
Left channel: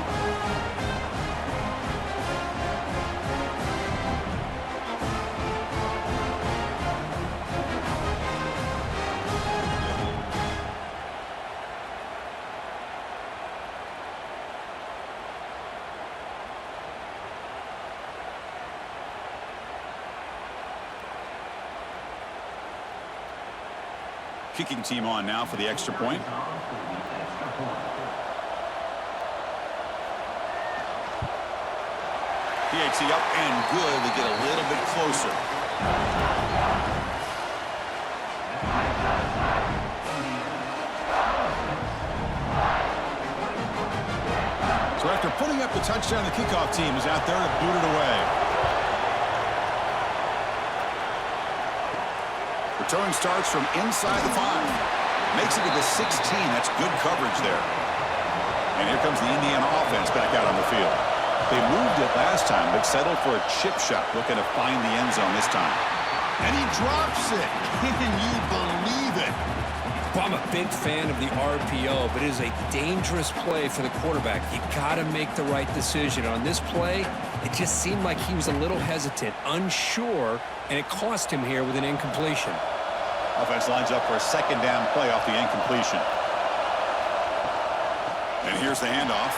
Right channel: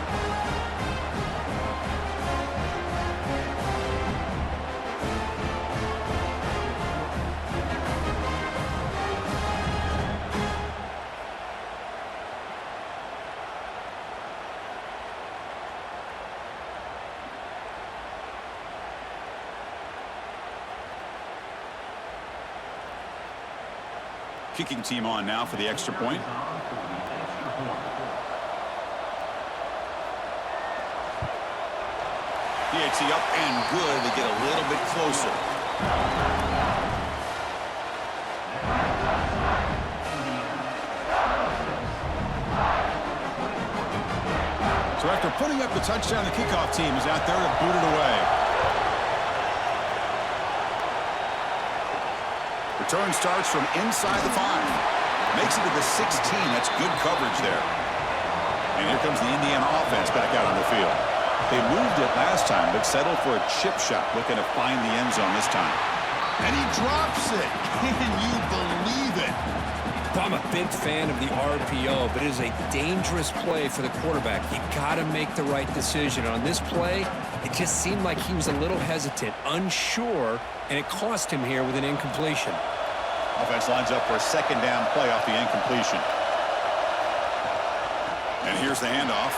Kicking team on now for the extra point. PAT up and good. They get a little bit closer. So after putting up the touchdown, the kickoff team is out there to boot it away. Return starts from inside the 5. Makes it to the 16. That's good coverage there. And here comes the Indiana offense back out on the field. They moved it last time, but settled for a chip shot, looking to find the end zone this time. And he drops it. Can you believe it? Well, I'm a big fan of the RPO, but it is a dangerous play for the quarterback. You got to make the right decision. On this play, it just seemed like he was a little hesitant, unsure, and it cost him here with an incompletion. Offense lines up for a second down play off the incompletion. And here's the handoff.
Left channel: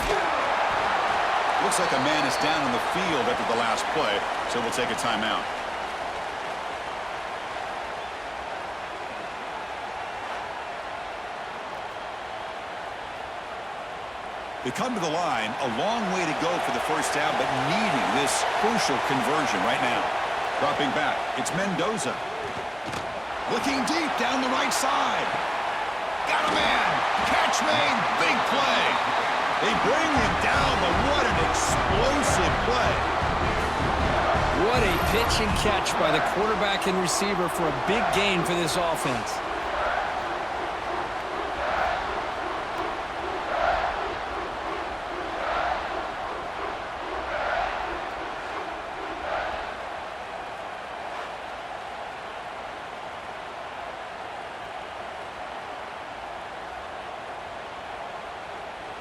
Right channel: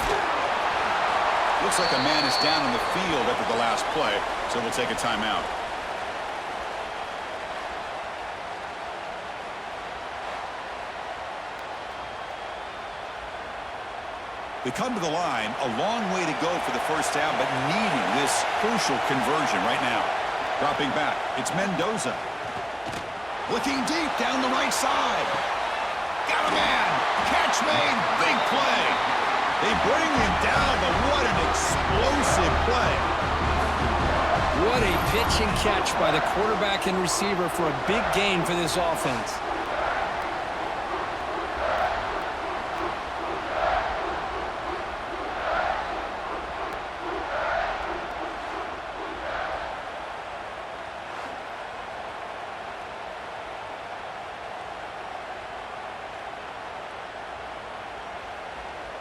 Looks like a man is down on the field after the last play, so we'll take a timeout. They come to the line, a long way to go for the first down, but needing this crucial conversion right now. Dropping back, it's Mendoza. Looking deep down the right side. Got a man. Catch made. Big play. They bring him down, but what an explosive play. What a pitch and catch by the quarterback and receiver for a big gain for this offense.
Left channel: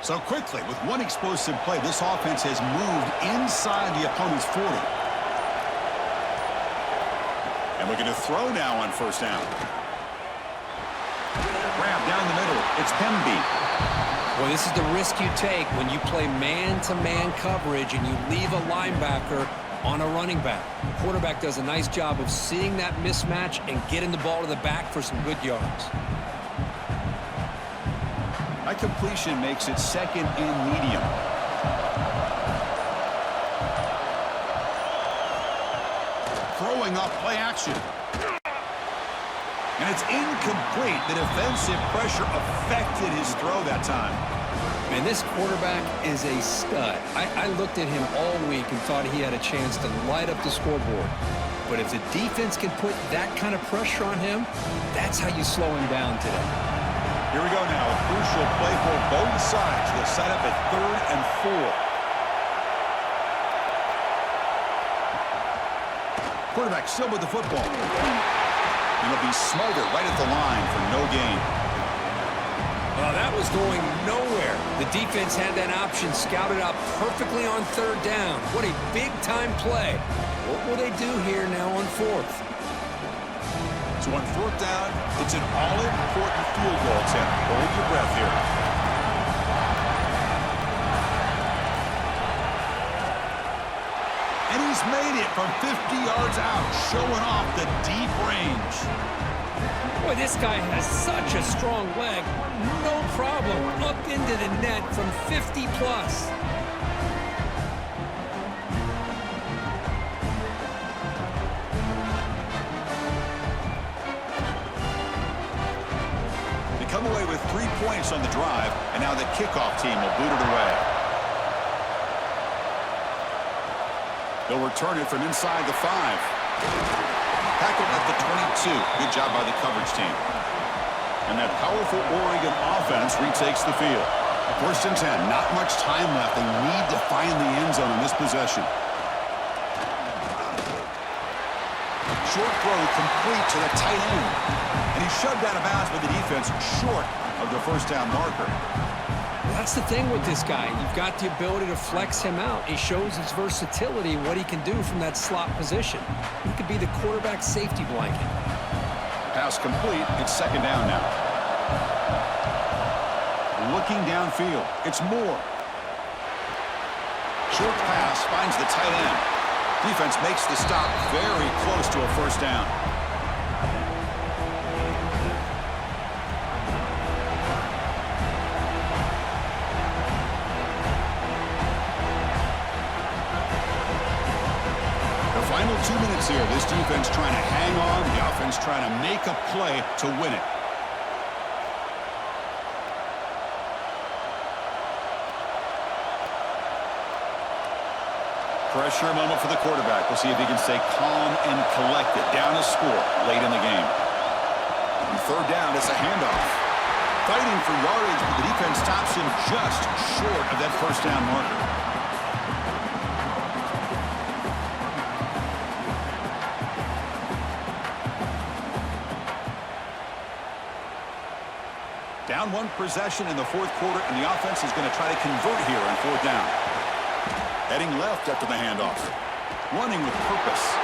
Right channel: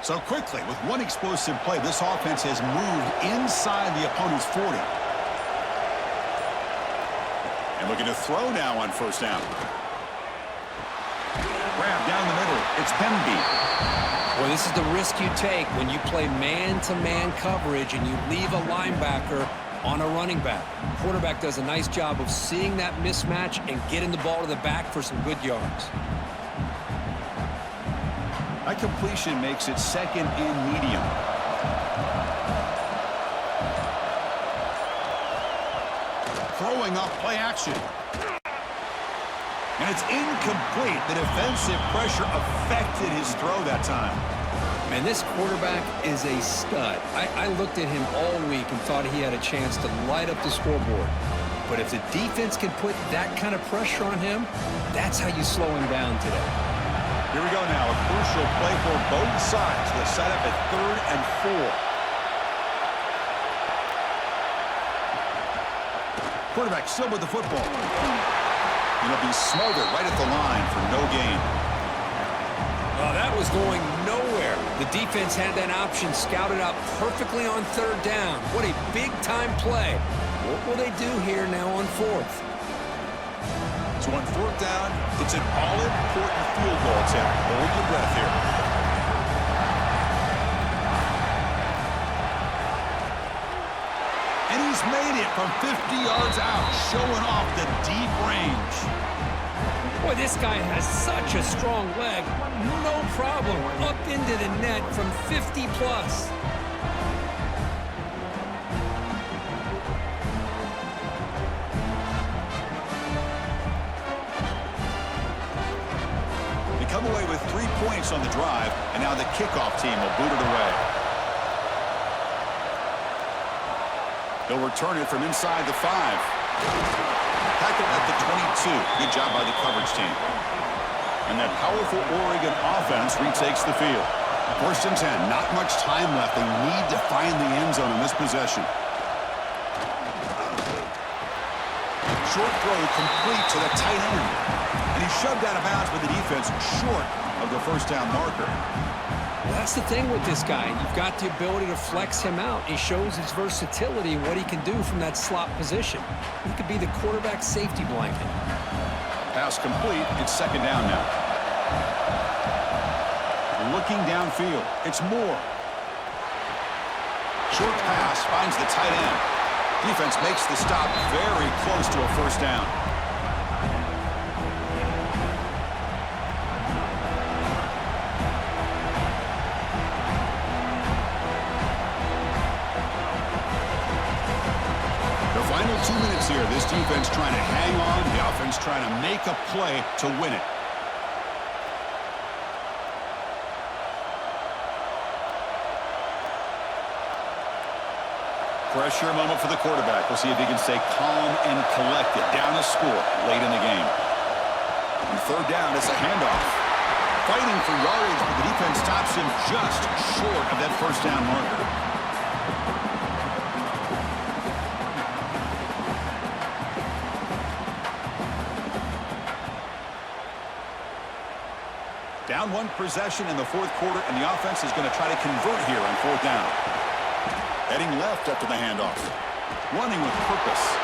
So quickly, with one explosive play, this offense has moved inside the opponent's 40. And looking to throw now on first down. Grab down the middle. It's Pemby. Well, this is the risk you take when you play man-to-man coverage and you leave a linebacker on a running back. Quarterback does a nice job of seeing that mismatch and getting the ball to the back for some good yards. That completion makes it second and medium. Throwing off play action. And it's incomplete. The defensive pressure affected his throw that time. Man, this quarterback is a stud. I looked at him all week and thought he had a chance to light up the scoreboard. But if the defense can put that kind of pressure on him, that's how you slow him down today. Here we go now, a crucial play for both sides. The setup at 3rd and 4. Quarterback still with the football. He'll be smothered right at the line for no gain. Oh, that was going nowhere. The defense had that option scouted out perfectly on 3rd down. What a big-time play. What will they do here now on 4th? So on 4th down, it's an all-important field goal attempt. Hold your breath here. And he's made it from 50 yards out, showing off the deep range. Boy, this guy has such a strong leg. No problem. Up into the net from 50 plus. Come away with 3 points on the drive, and now the kickoff team will boot it away. They'll return it from inside the 5. Tackled at the 22. Good job by the coverage team. And that powerful Oregon offense retakes the field. 1st and 10. Not much time left. They need to find the end zone in this possession. Short throw complete to the tight end. And he shoved out of bounds by the defense short of the first down marker. Well, that's the thing with this guy. You've got the ability to flex him out. He shows his versatility and what he can do from that slot position. He could be the quarterback safety blanket. Pass complete. It's 2nd down now. Looking downfield. It's Moore. Short pass finds the tight end. Defense makes the stop very close to a first down. The final 2 minutes here. This defense trying to hang on. The offense trying to make a play to win it. Pressure moment for the quarterback. We'll see if he can stay calm and collected. Down a score late in the game. On 3rd down, it's a handoff. Fighting for yardage, but the defense stops him just short of that first down marker. Down 1 possession in the 4th quarter, and the offense is going to try to convert here on 4th down. Heading left after the handoff. Running with purpose.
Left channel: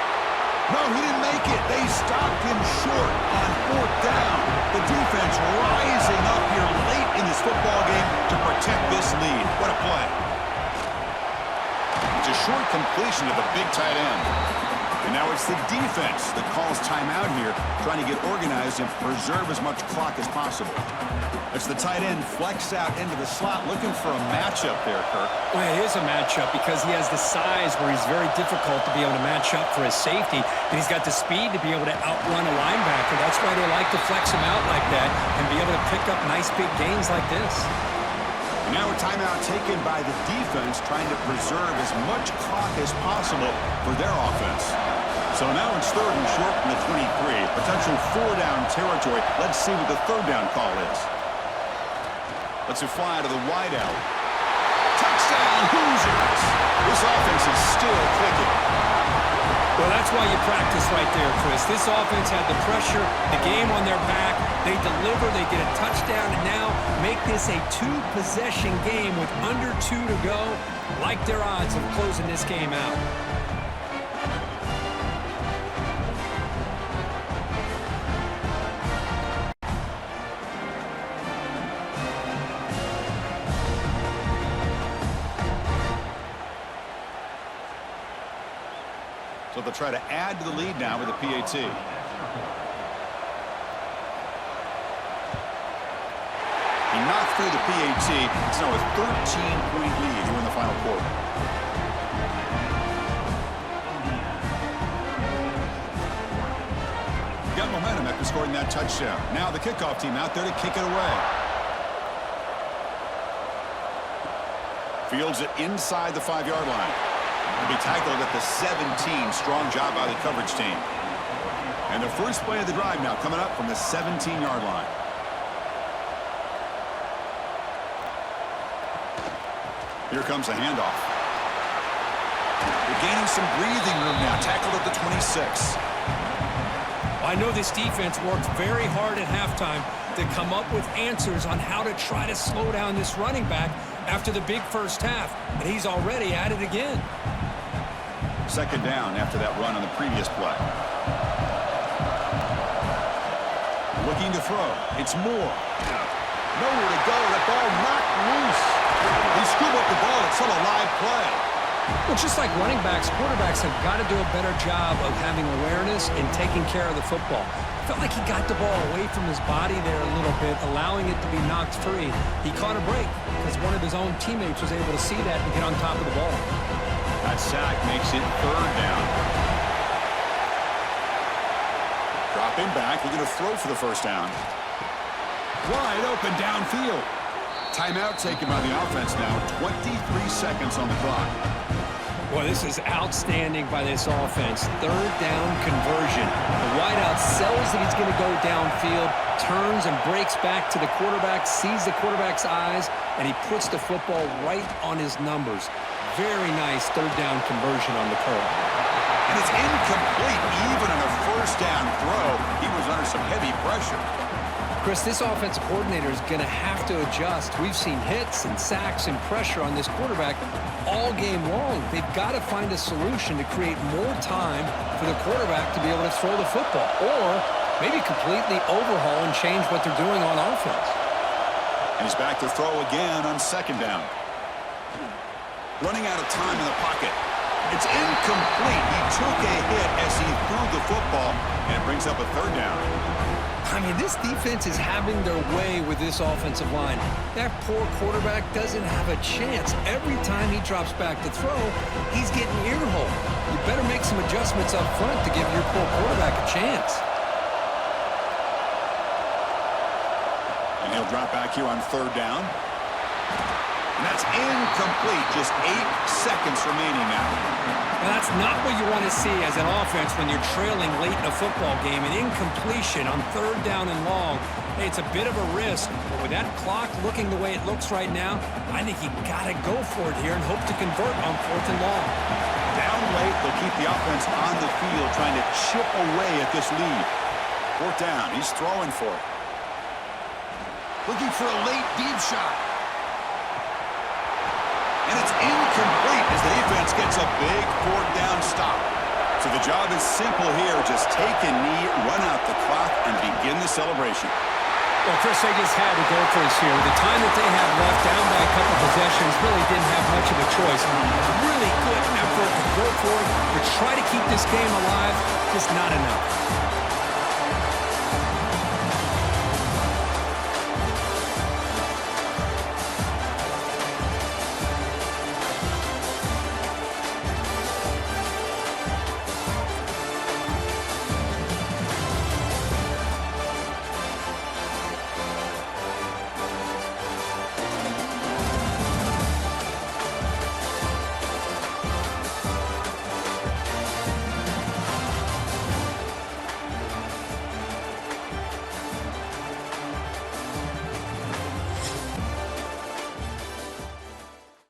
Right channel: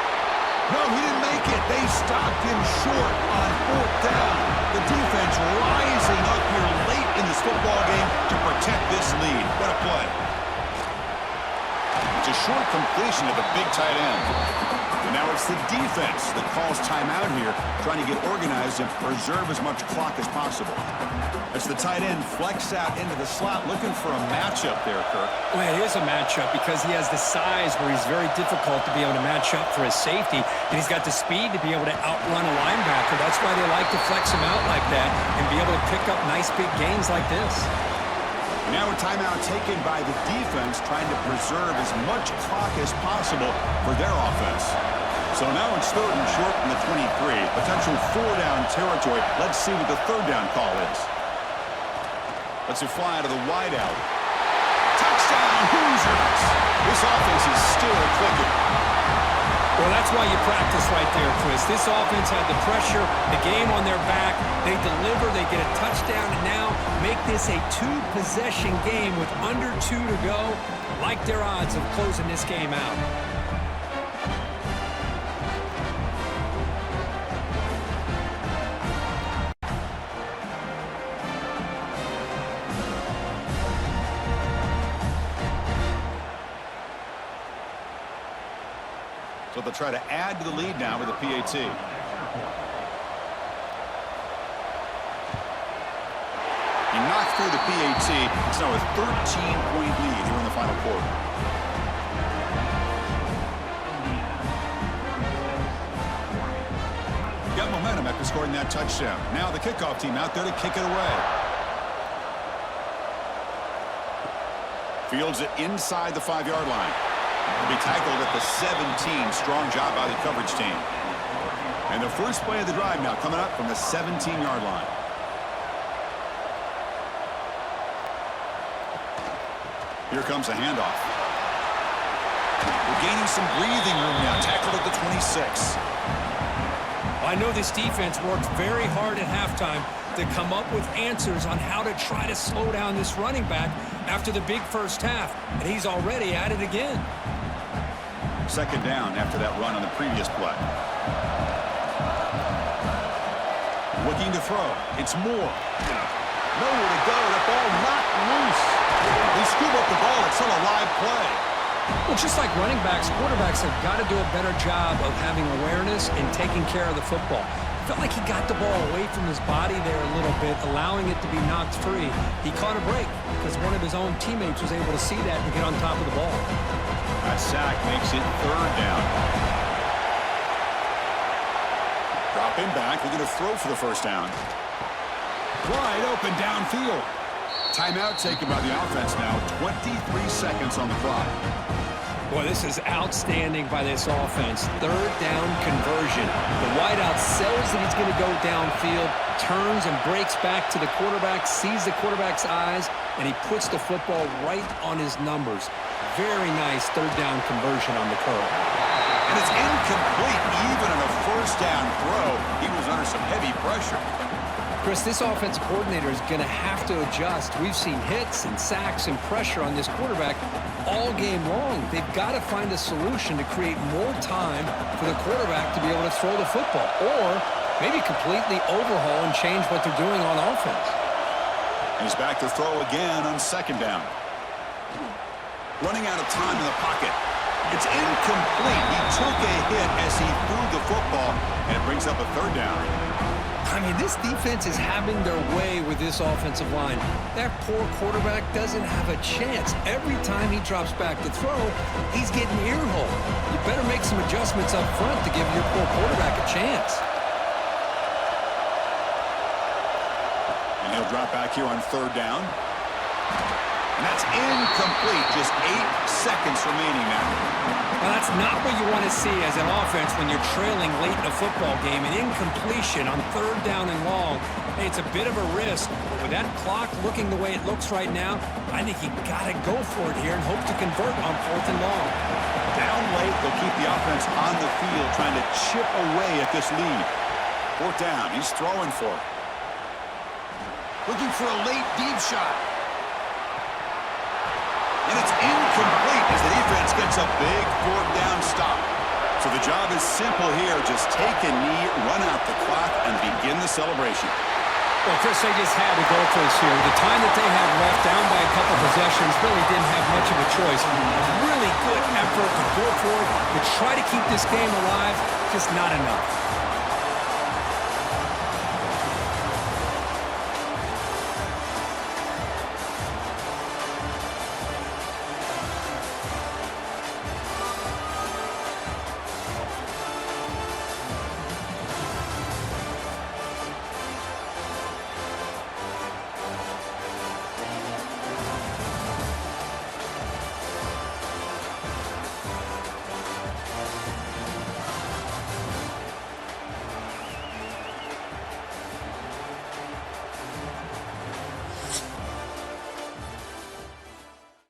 No, he didn't make it. They stopped him short on 4th down. The defense rising up here late in this football game to protect protect this lead. What a play. It's a short completion to the big tight end. And now it's the defense that calls timeout here, trying to get organized and preserve as much clock as possible. It's the tight end flex out into the slot, looking for a matchup there, Kirk. Well, it is a matchup because he has the size where he's very difficult to be able to match up for his safety, and he's got the speed to be able to outrun a linebacker. That's why they like to flex him out like that and be able to pick up nice big gains like this. And now a timeout taken by the defense, trying to preserve as much clock as possible for their offense. So now it's 3rd and short from the 23. Potential 4-down territory. Let's see what the 3rd down call is. Let's it fly to the wideout. Touchdown, Hoosiers! This offense is still clicking. Well, that's why you practice right there, Chris. This offense had the pressure, the game on their back. They deliver, they get a touchdown, and now make this a 2-possession game with under 2 to go. Like their odds of closing this game out. So they'll try to add to the lead now with a PAT. He knocked through the PAT. It's now a 13-point lead here in the final quarter. Got momentum after scoring that touchdown. Now the kickoff team out there to kick it away. Fields it inside the 5-yard line. To be tackled at the 17. Strong job by the coverage team. And the first play of the drive now coming up from the 17-yard line. Here comes a handoff. We're gaining some breathing room now. Tackled at the 26. I know this defense worked very hard at halftime to come up with answers on how to try to slow down this running back after the big first half. And he's already at it again. 2nd down after that run on the previous play. Looking to throw. It's Moore. Nowhere to go. That ball knocked loose. They scoop up the ball. It's still a live play. Well, just like running backs, quarterbacks have got to do a better job of having awareness and taking care of the football. Felt like he got the ball away from his body there a little bit, allowing it to be knocked free. He caught a break because one of his own teammates was able to see that and get on top of the ball. That sack makes it 3rd down. Dropping back, looking to throw for the first down. Wide open downfield. Timeout taken by the offense now. 23 seconds on the clock. Boy, this is outstanding by this offense. 3rd down conversion. The wideout sells that he's going to go downfield, turns and breaks back to the quarterback, sees the quarterback's eyes, and he puts the football right on his numbers. Very nice 3rd down conversion on the curl. And it's incomplete. Even on a first down throw, he was under some heavy pressure. Chris, this offensive coordinator is going to have to adjust. We've seen hits and sacks and pressure on this quarterback all game long. They've got to find a solution to create more time for the quarterback to be able to throw the football, or maybe completely overhaul and change what they're doing on offense. And he's back to throw again on 2nd down. Running out of time in the pocket. It's incomplete. He took a hit as he threw the football, and it brings up a 3rd down. I mean, this defense is having their way with this offensive line. That poor quarterback doesn't have a chance. Every time he drops back to throw, he's getting ear-hole. You better make some adjustments up front to give your poor quarterback a chance. And he'll drop back here on 3rd down. And that's incomplete. Just 8 seconds remaining now. Well, that's not what you want to see as an offense when you're trailing late in a football game. An incompletion on 3rd down and long. Hey, it's a bit of a risk, but with that clock looking the way it looks right now, I think you got to go for it here and hope to convert on 4th and long. Down late, they'll keep the offense on the field, trying to chip away at this lead. 4th down, he's throwing for it. Looking for a late deep shot. And it's incomplete as the defense gets a big 4th down stop. So the job is simple here. Just take a knee, run out the clock, and begin the celebration. Well, Chris, they just had to go for us here. The time that they had left, down by a couple possessions, really didn't have much of a choice. A really good effort to go for it, to try to keep this game alive, just not enough.